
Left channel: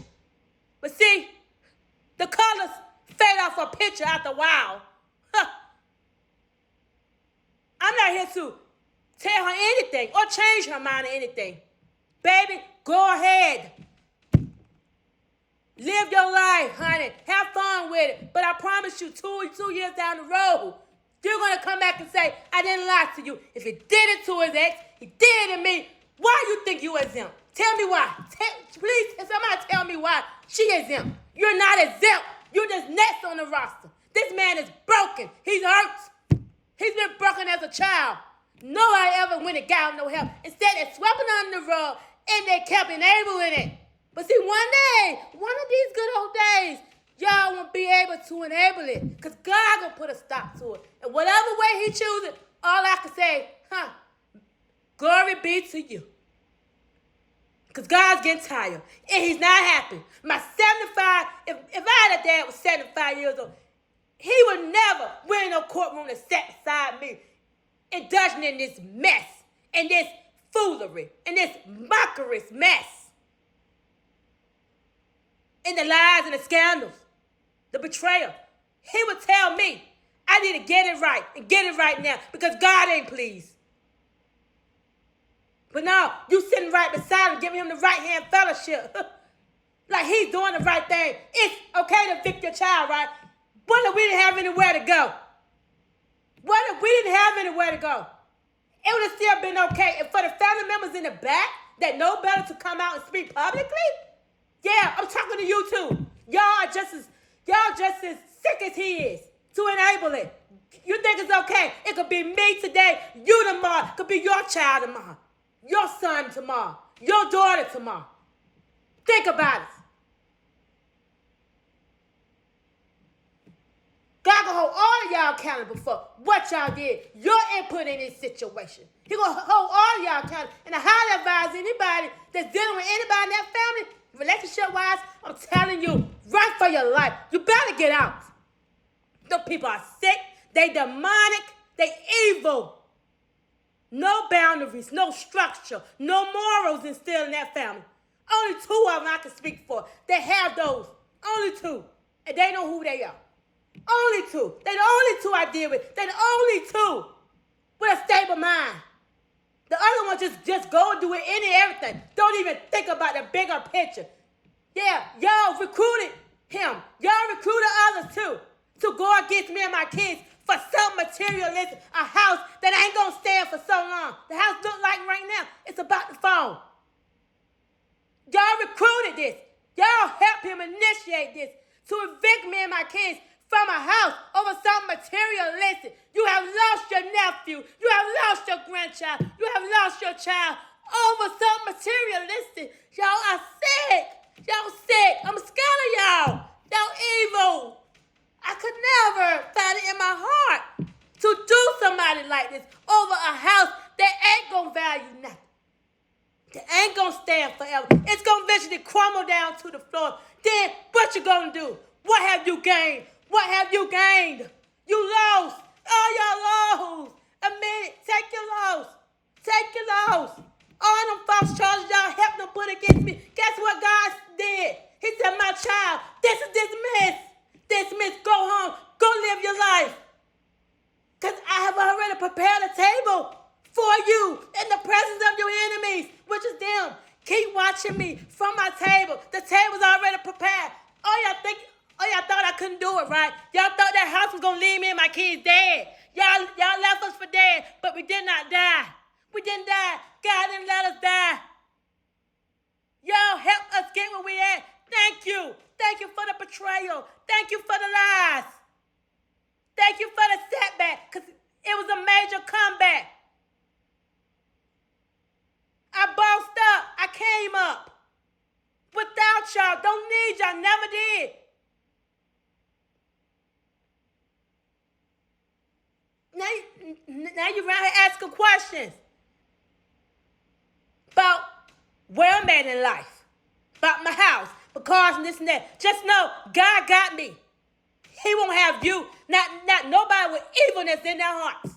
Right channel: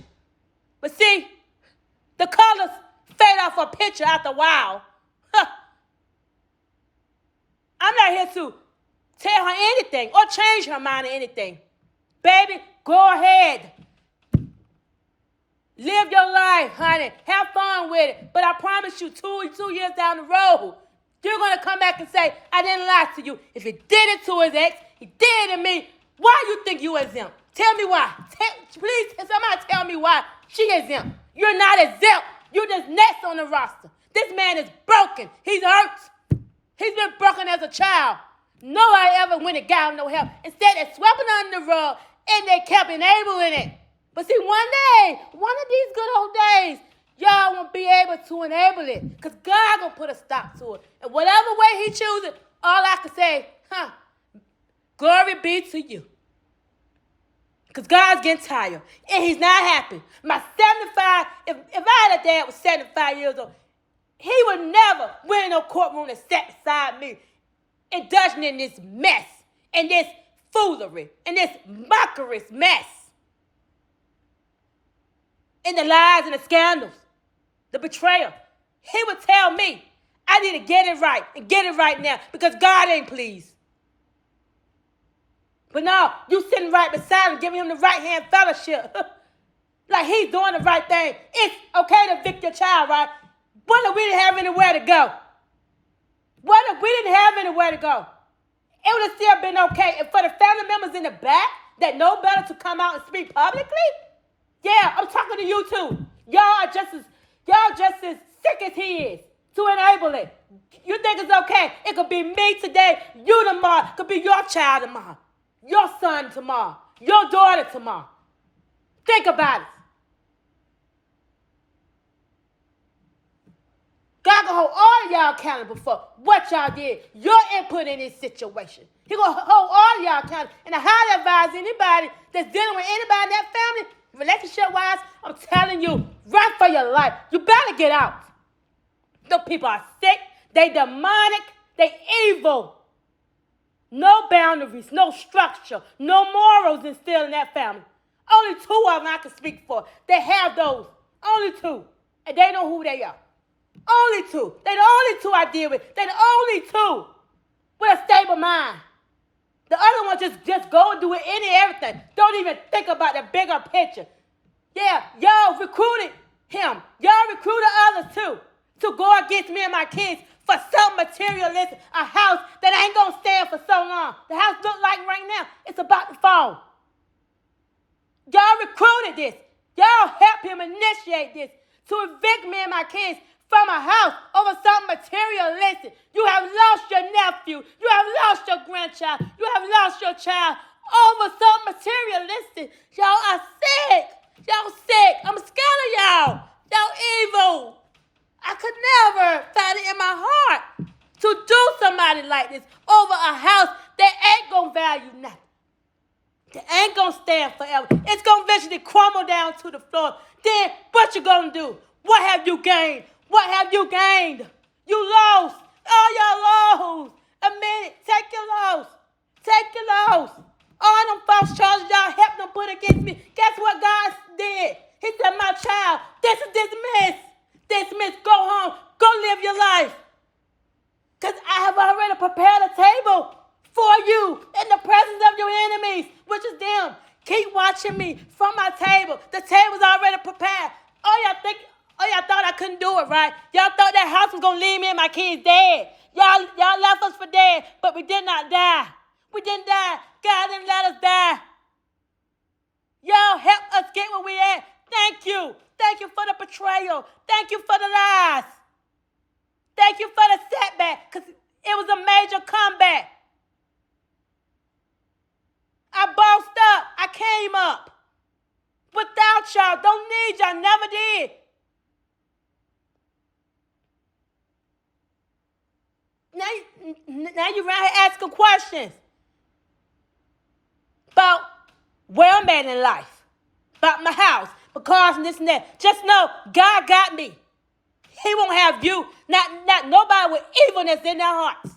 But see, the colors fade off a picture after a while. I'm not here to tell her anything or change her mind or anything. Baby, go ahead. Live your life, honey. Have fun with it. But I promise you, two years down the road, you're going to come back and say, I didn't lie to you. If he did it to his ex, he did it to me. Why you think you exempt? Tell me why. Please, somebody tell me why she exempt. You're not exempt. You're just next on the roster. This man is broken. He's hurt. He's been broken as a child. Nobody ever went and got him no help. Instead, they swept it under the rug, and they kept enabling it. But see, one day, one of these good old days, y'all won't be able to enable it because God going to put a stop to it. And whatever way he chooses, all I can say, glory be to you. Because God's getting tired, and he's not happy. My 75, if I had a dad was 75 years old, he would never win in no courtroom and sit beside me, indulging in this mess, and this foolery, and this mockerous mess. And the lies and the scandals, the betrayal. He would tell me, I need to get it right, and get it right now, because God ain't pleased. But no, you sitting right beside him, giving him the right hand fellowship. Like he's doing the right thing. It's okay to evict your child, right? But we didn't have anywhere to go. What if we didn't have anywhere to go? It would have still been okay. And for the family members in the back that know better to come out and speak publicly, yeah, I'm talking to you too. Y'all just as sick as he is to enable it. You think it's okay? It could be me today, you tomorrow. It could be your child tomorrow, your son tomorrow, your daughter tomorrow. Think about it. God gonna hold all of y'all accountable for what y'all did, your input in this situation. He gonna hold all of y'all accountable. And I highly advise anybody that's dealing with anybody in that family, relationship-wise, I'm telling you, run for your life. You better get out. The people are sick, they demonic, they evil. No boundaries, no structure, no morals instilled in that family. Only 2 of them I can speak for. They have those. Only 2. And they know who they are. Only 2. They're the only 2 I deal with. They're the only 2 with a stable mind. The other one just go and do it any and everything. Don't even think about the bigger picture. Yeah, y'all recruited him. Y'all recruited others too to go against me and my kids for some materialistic, a house that ain't gonna stand for so long. The house look like right now, it's about to fall. Y'all recruited this. Y'all helped him initiate this to evict me and my kids from a house over something materialistic. You have lost your nephew. You have lost your grandchild. You have lost your child over something materialistic. Y'all are sick. Y'all sick. I'm scared of y'all. Y'all evil. I could never find it in my heart to do somebody like this over a house that ain't gonna value nothing. That ain't gonna stand forever. It's gonna eventually crumble down to the floor. Then what you gonna do? What have you gained? What have you gained? You lost. Oh, y'all lost. Admit it. Take your loss. Take your loss. All them false charges y'all helped them put against me. Guess what God did? He said, my child, this is dismissed. Dismissed. Go home. Go live your life. Because I have already prepared a table for you in the presence of your enemies, which is them. Keep watching me from my table. The table's already prepared. Y'all thought I couldn't do it, right? Y'all thought that house was going to leave me and my kids dead. Y'all left us for dead, but we did not die. We didn't die. God didn't let us die. Y'all helped us get where we at. Thank you. Thank you for the betrayal. Thank you for the lies. Thank you for the setback, because it was a major comeback. I bossed up. I came up. Without y'all. Don't need y'all. Never did. Now you're around here asking questions about where I'm at in life, about my house, my cars and this and that. Just know God got me. He won't have you, not nobody with evilness in their hearts.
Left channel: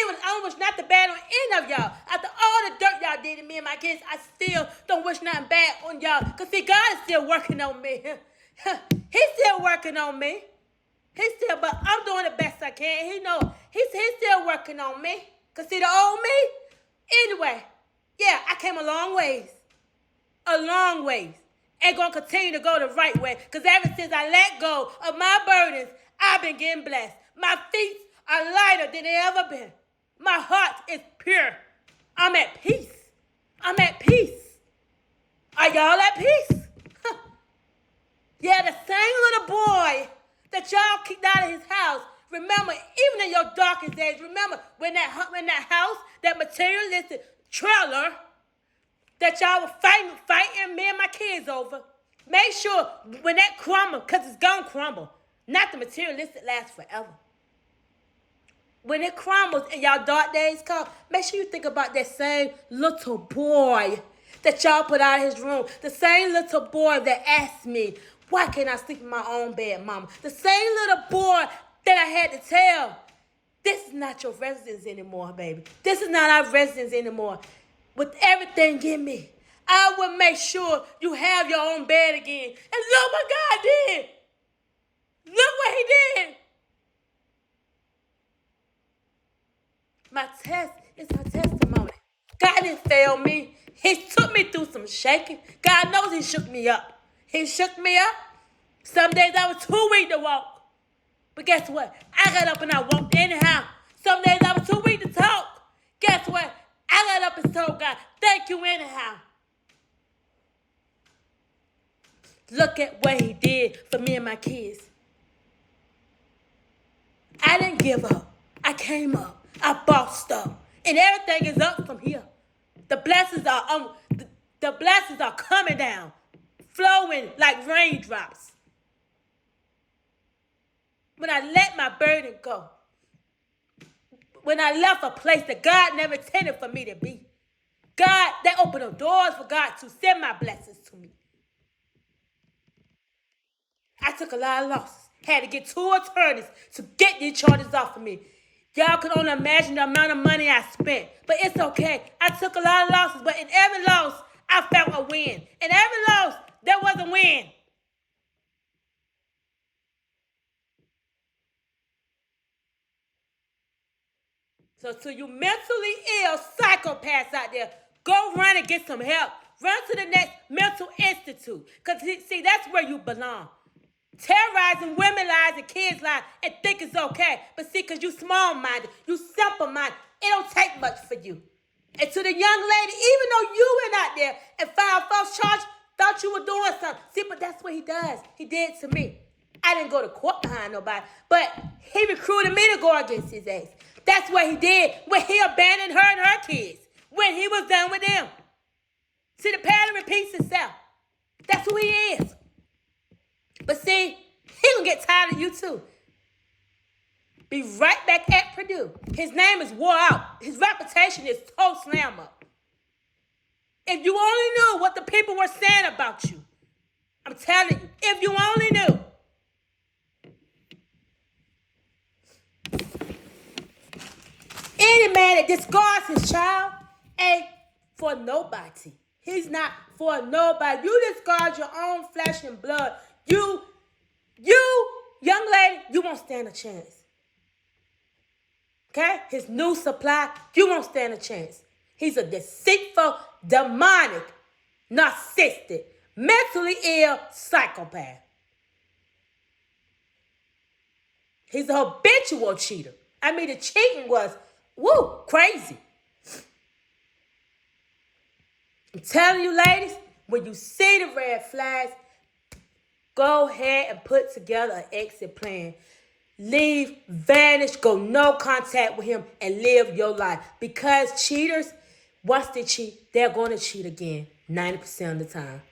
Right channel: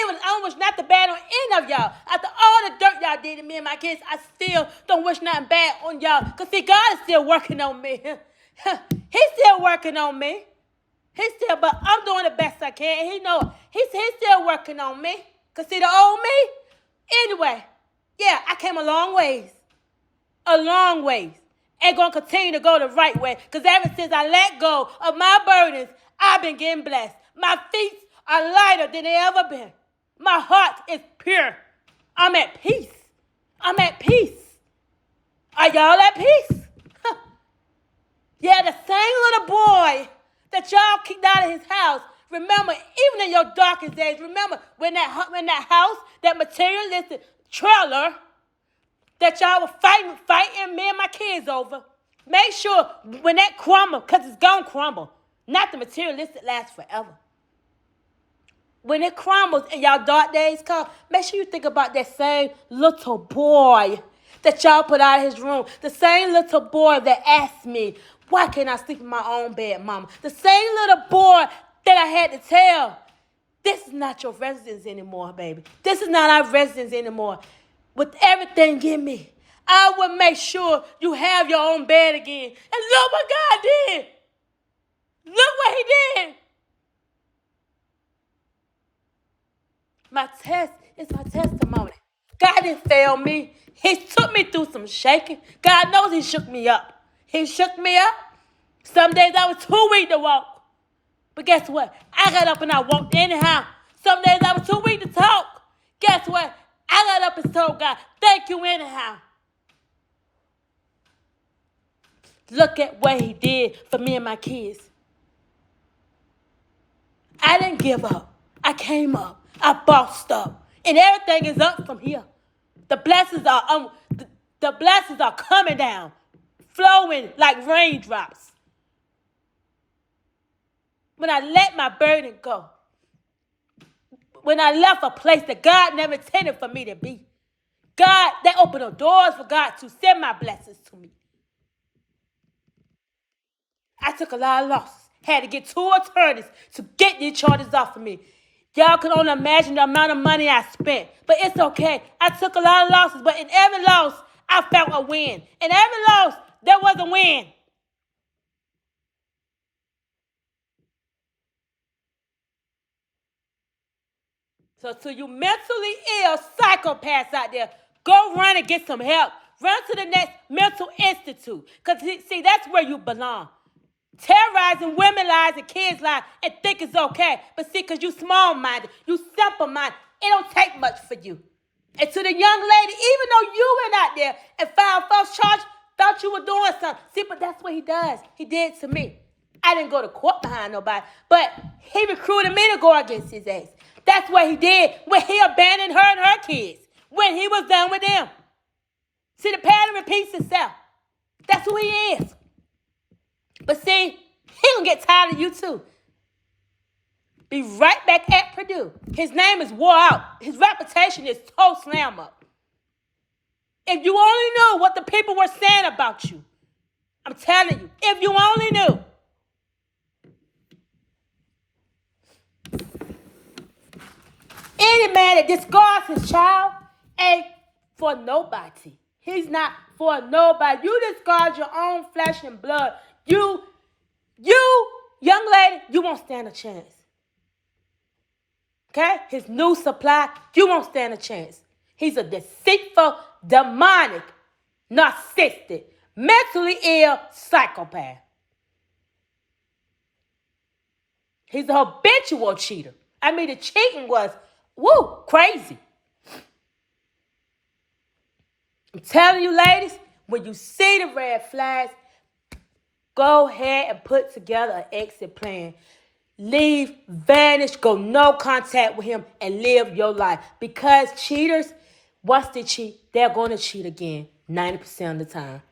Even I don't wish not the bad on any of y'all. After all the dirt y'all did to me and my kids, I still don't wish nothing bad on y'all. Because see, God is still working on me. He's still working on me. But I'm doing the best I can. He know he's still working on me. Because see, the old me, anyway, yeah, I came a long ways. A long ways. And going to continue to go the right way. Because ever since I let go of my burdens, I've been getting blessed. My feet are lighter than they ever been. My heart is pure. I'm at peace. I'm at peace. Are y'all at peace? Yeah, the same little boy that y'all kicked out of his house. Remember, even in your darkest days, remember when that house, that materialistic trailer that y'all were fighting me and my kids over, make sure when that crumble, because it's going to crumble, not the materialistic lasts forever. When it crumbles and y'all dark days come, make sure you think about that same little boy that y'all put out of his room. The same little boy that asked me, why can't I sleep in my own bed, mama? The same little boy that I had to tell, this is not your residence anymore, baby. This is not our residence anymore. With everything in me, I will make sure you have your own bed again. And look what God did. Look what he did. My test is my testimony. God didn't fail me. He took me through some shaking. God knows he shook me up. He shook me up. Some days I was too weak to walk. But guess what? I got up and I walked anyhow. Some days I was too weak to talk. Guess what? I got up and told God, thank you anyhow. Look at what he did for me and my kids. I didn't give up. I came up. I bossed up. And everything is up from here. The blessings are coming down, flowing like raindrops. When I let my burden go, when I left a place that God never intended for me to be, God, they opened the doors for God to send my blessings to me. I took a lot of losses. Had to get 2 attorneys to get these charges off of me. Y'all can only imagine the amount of money I spent. But it's okay. I took a lot of losses, but in every loss, I felt a win. In every loss, there was a win. So to you mentally ill psychopaths out there, go run and get some help. Run to the next mental institute. Because, see, that's where you belong. Terrorizing women lives and kids' lives and think it's okay. But see, because you small-minded, you simple-minded, it don't take much for you. And to the young lady, even though you went out there and filed false charges, thought you were doing something. See, but that's what he does. He did to me. I didn't go to court behind nobody, but he recruited me to go against his ass. That's what he did when he abandoned her and her kids, when he was done with them. See, the pattern repeats itself. That's who he is. But see, he gonna get tired of you too. Be right back at Purdue. His name is wore out. His reputation is toe slam up. If you only knew what the people were saying about you, I'm telling you, if you only knew. Any man that discards his child ain't for nobody. He's not for nobody. You discard your own flesh and blood. You, young lady, you won't stand a chance. Okay? His new supply, you won't stand a chance. He's a deceitful, demonic, narcissistic, mentally ill psychopath. He's a habitual cheater. I mean, the cheating was, crazy. I'm telling you, ladies, when you see the red flags, go ahead and put together an exit plan. Leave, vanish, go no contact with him, and live your life. Because cheaters, once they cheat, they're going to cheat again 90% of the time.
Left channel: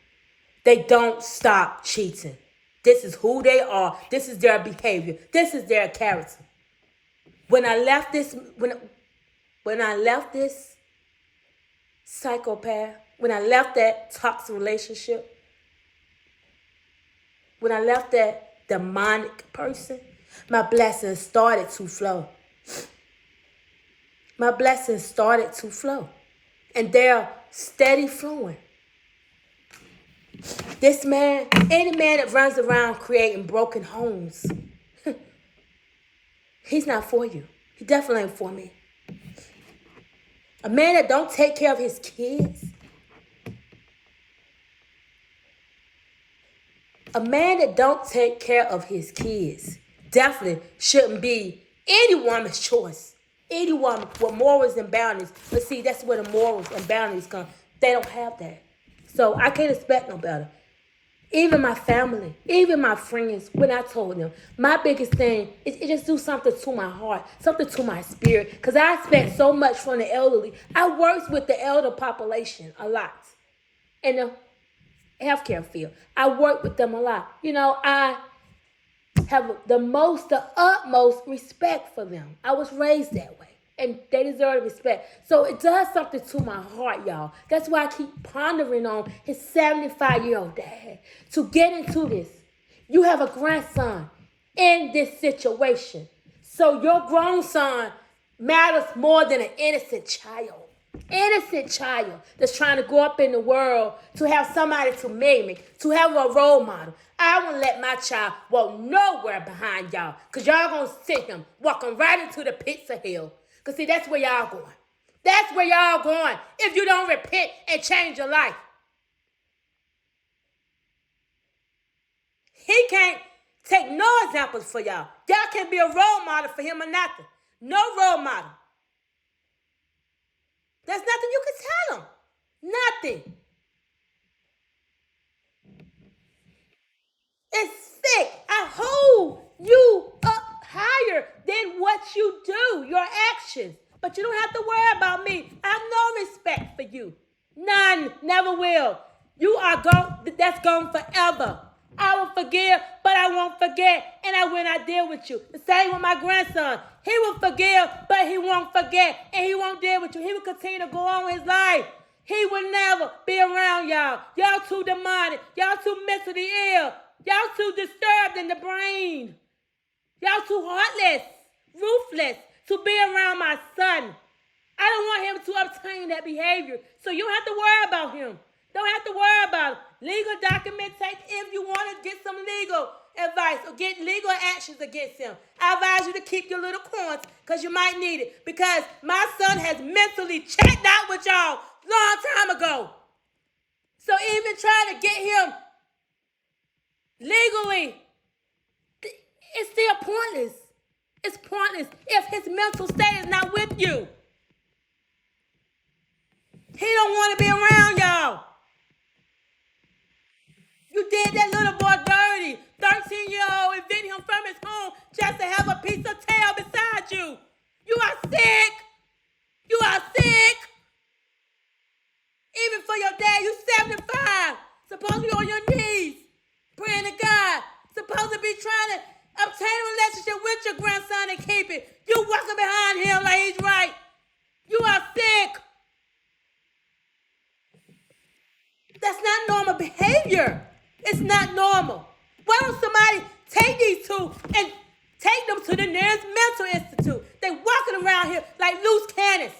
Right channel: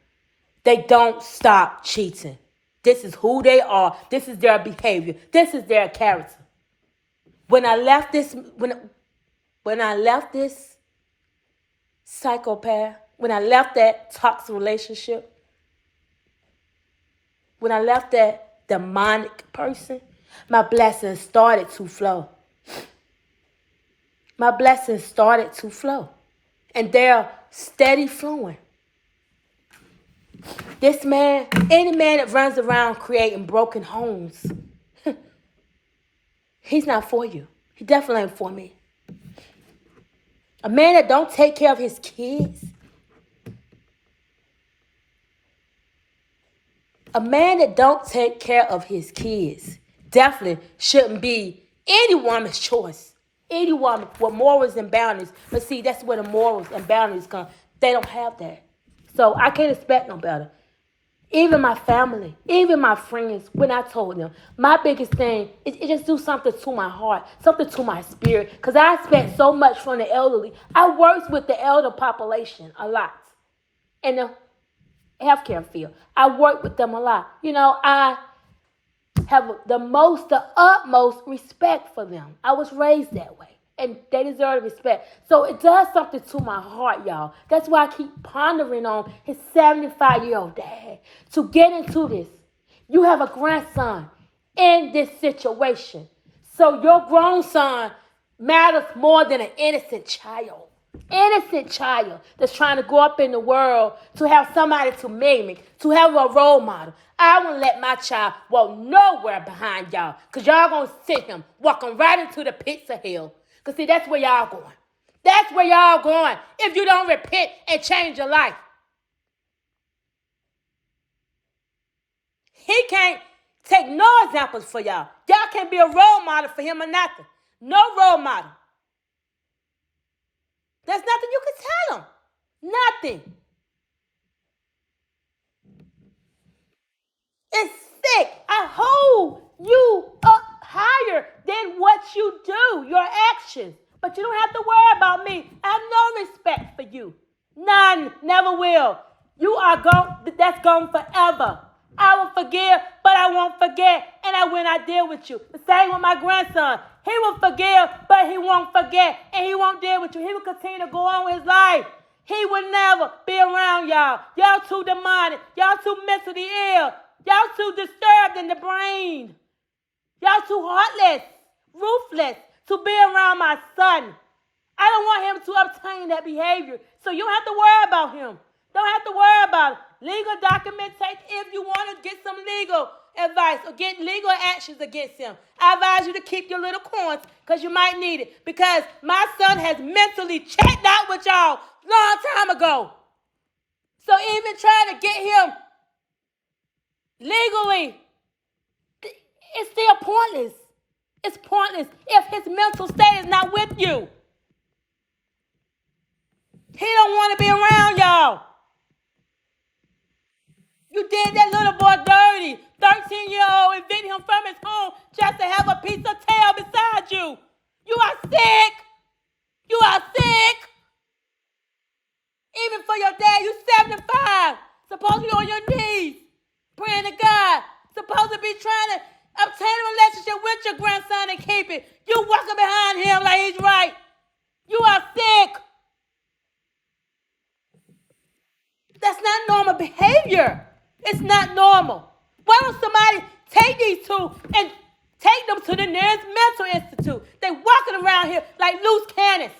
They don't stop cheating. This is who they are. This is their behavior. This is their character. When I left this psychopath, when I left that toxic relationship, when I left that demonic person, my blessings started to flow. My blessings started to flow. And they're steady flowing. This man, any man that runs around creating broken homes, he's not for you. He definitely ain't for me. A man that don't take care of his kids, a man that don't take care of his kids definitely shouldn't be any woman's choice. Any woman with morals and boundaries. But see, that's where the morals and boundaries come. They don't have that. So I can't expect no better. Even my family, even my friends, when I told them, my biggest thing is it just do something to my heart, something to my spirit. Because I expect so much from the elderly. I work with the elder population a lot in the healthcare field. I work with them a lot. You know, I have the utmost respect for them. I was raised that way. And they deserve respect. So it does something to my heart, y'all. That's why I keep pondering on his 75-year-old dad. To get into this, you have a grandson in this situation. So your grown son matters more than an innocent child. Innocent child that's trying to go up in the world to have somebody to mimic, to have a role model. I won't let my child walk nowhere behind y'all. Because y'all going to sit him walking right into the pits of hell. Because see, that's where y'all going. That's where y'all going if you don't repent and change your life. He can't take no examples for y'all. Y'all can't be a role model for him or nothing. No role model. There's nothing you can tell him. Nothing. It's sick. I hold you up higher than what you do, your actions. But you don't have to worry about me. I have no respect for you. None. Never will. You are gone. That's gone forever. I will forgive, but I won't forget. And I will not deal with you. The same with my grandson. He will forgive, but he won't forget. And he won't deal with you. He will continue to go on with his life. He will never be around y'all. Y'all too demonic. Y'all too mentally ill. Y'all too disturbed in the brain. Y'all too heartless, ruthless to be around my son. I don't want him to obtain that behavior. So you don't have to worry about him. Don't have to worry about it. Legal documentation if you want to get some legal advice or get legal actions against him. I advise you to keep your little coins because you might need it. Because my son has mentally checked out with y'all long time ago. So even trying to get him legally, it's still pointless. It's pointless if his mental state is not with you. He don't want to be around y'all. You did that little boy dirty. 13-year-old evict him from his home just to have a piece of tail beside you. You are sick. You are sick. Even for your dad, you 75. Supposed to be on your knees, praying to God. Supposed to be trying to obtain a relationship with your grandson and keep it. You walking behind him like he's right. You are sick. That's not normal behavior. It's not normal. Why don't somebody take these two and take them to the nearest mental institute? They walking around here like loose cannons.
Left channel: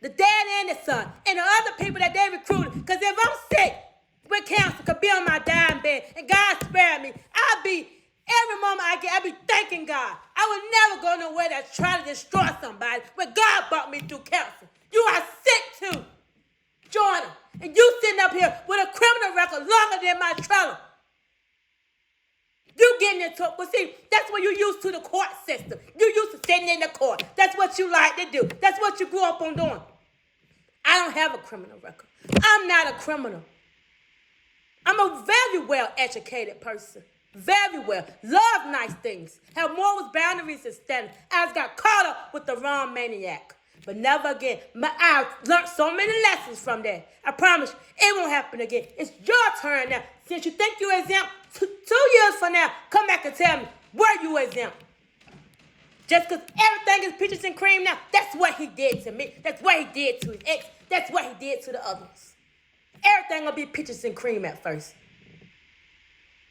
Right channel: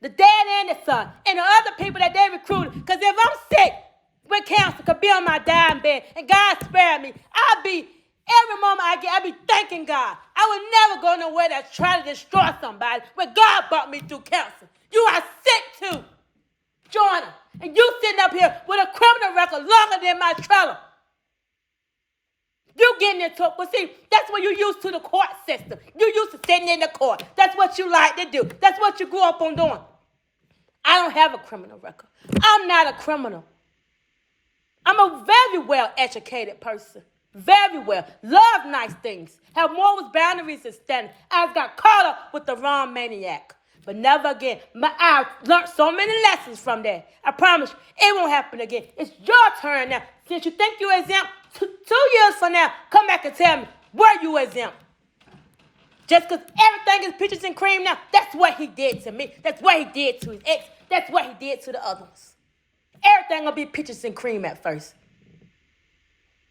The dad and the son and the other people that they recruited. Because if I'm sick with cancer, could be on my dying bed and God spared me, I'll be, every moment I get, I'll be thanking God. I would never go nowhere to try to destroy somebody when God brought me through cancer. You are sick too. Join him. And you sitting up here with a criminal record longer than my trailer. You getting into it. Well, see, that's what you used to the court system. You used to sitting in the court. That's what you like to do. That's what you grew up on doing. I don't have a criminal record. I'm not a criminal. I'm a very well-educated person. Very well. Love nice things. Have morals, boundaries, and standards. I just got caught up with the wrong maniac. But never again. I've learned so many lessons from that. I promise you, it won't happen again. It's your turn now. Since you think you're exempt, 2 years from now, come back and tell me, were you exempt? Just because everything is peaches and cream now, that's what he did to me. That's what he did to his ex. That's what he did to the other ones. Everything gonna be peaches and cream at first.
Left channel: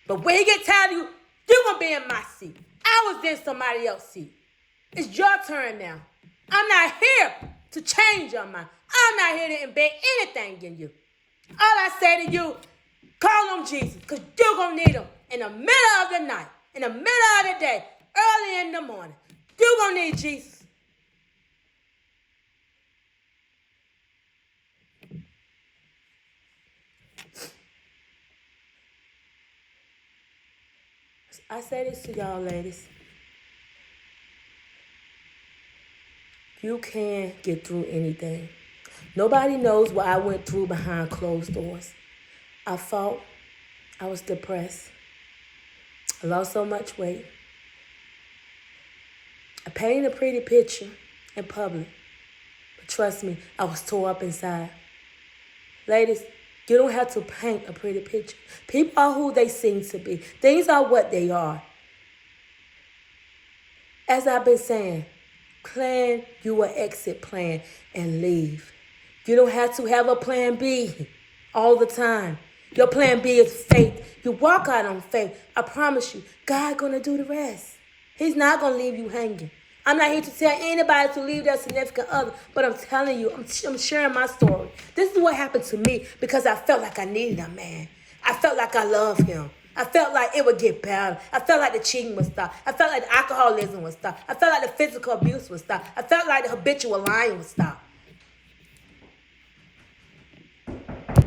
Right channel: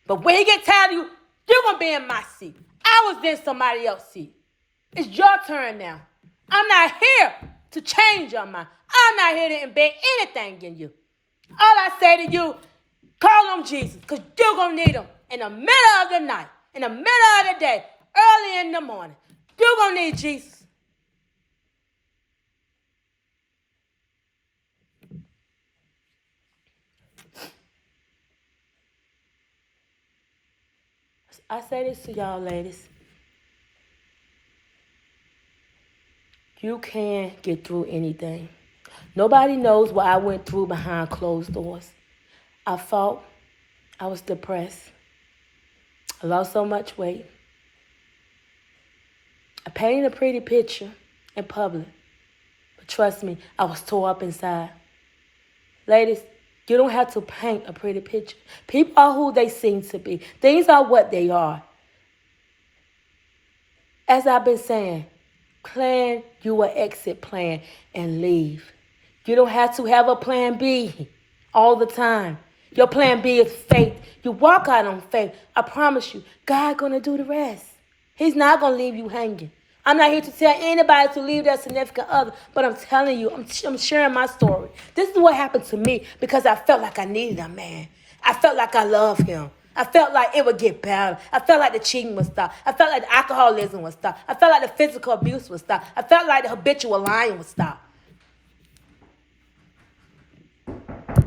But when he get tired of you, you're gonna be in my seat. I was in somebody else's seat. It's your turn now. I'm not here to change your mind. I'm not here to embed anything in you. All I say to you, call on Jesus, because you're going to need him in the middle of the night, in the middle of the day, early in the morning. You're going to need Jesus. I say this to y'all ladies. You can get through anything. Nobody knows what I went through behind closed doors. I fought. I was depressed. I lost so much weight. I painted a pretty picture in public. But trust me, I was tore up inside. Ladies, you don't have to paint a pretty picture. People are who they seem to be. Things are what they are. As I've been saying, plan your exit plan and leave. You don't have to have a plan B all the time. Your plan B is faith. You walk out on faith. I promise you, God's going to do the rest. He's not going to leave you hanging. I'm not here to tell anybody to leave their significant other, but I'm telling you, I'm sharing my story. This is what happened to me because I felt like I needed a man. I felt like I loved him. I felt like it would get better. I felt like the cheating would stop. I felt like the alcoholism would stop. I felt like the physical abuse would stop. I felt like the habitual lying would stop.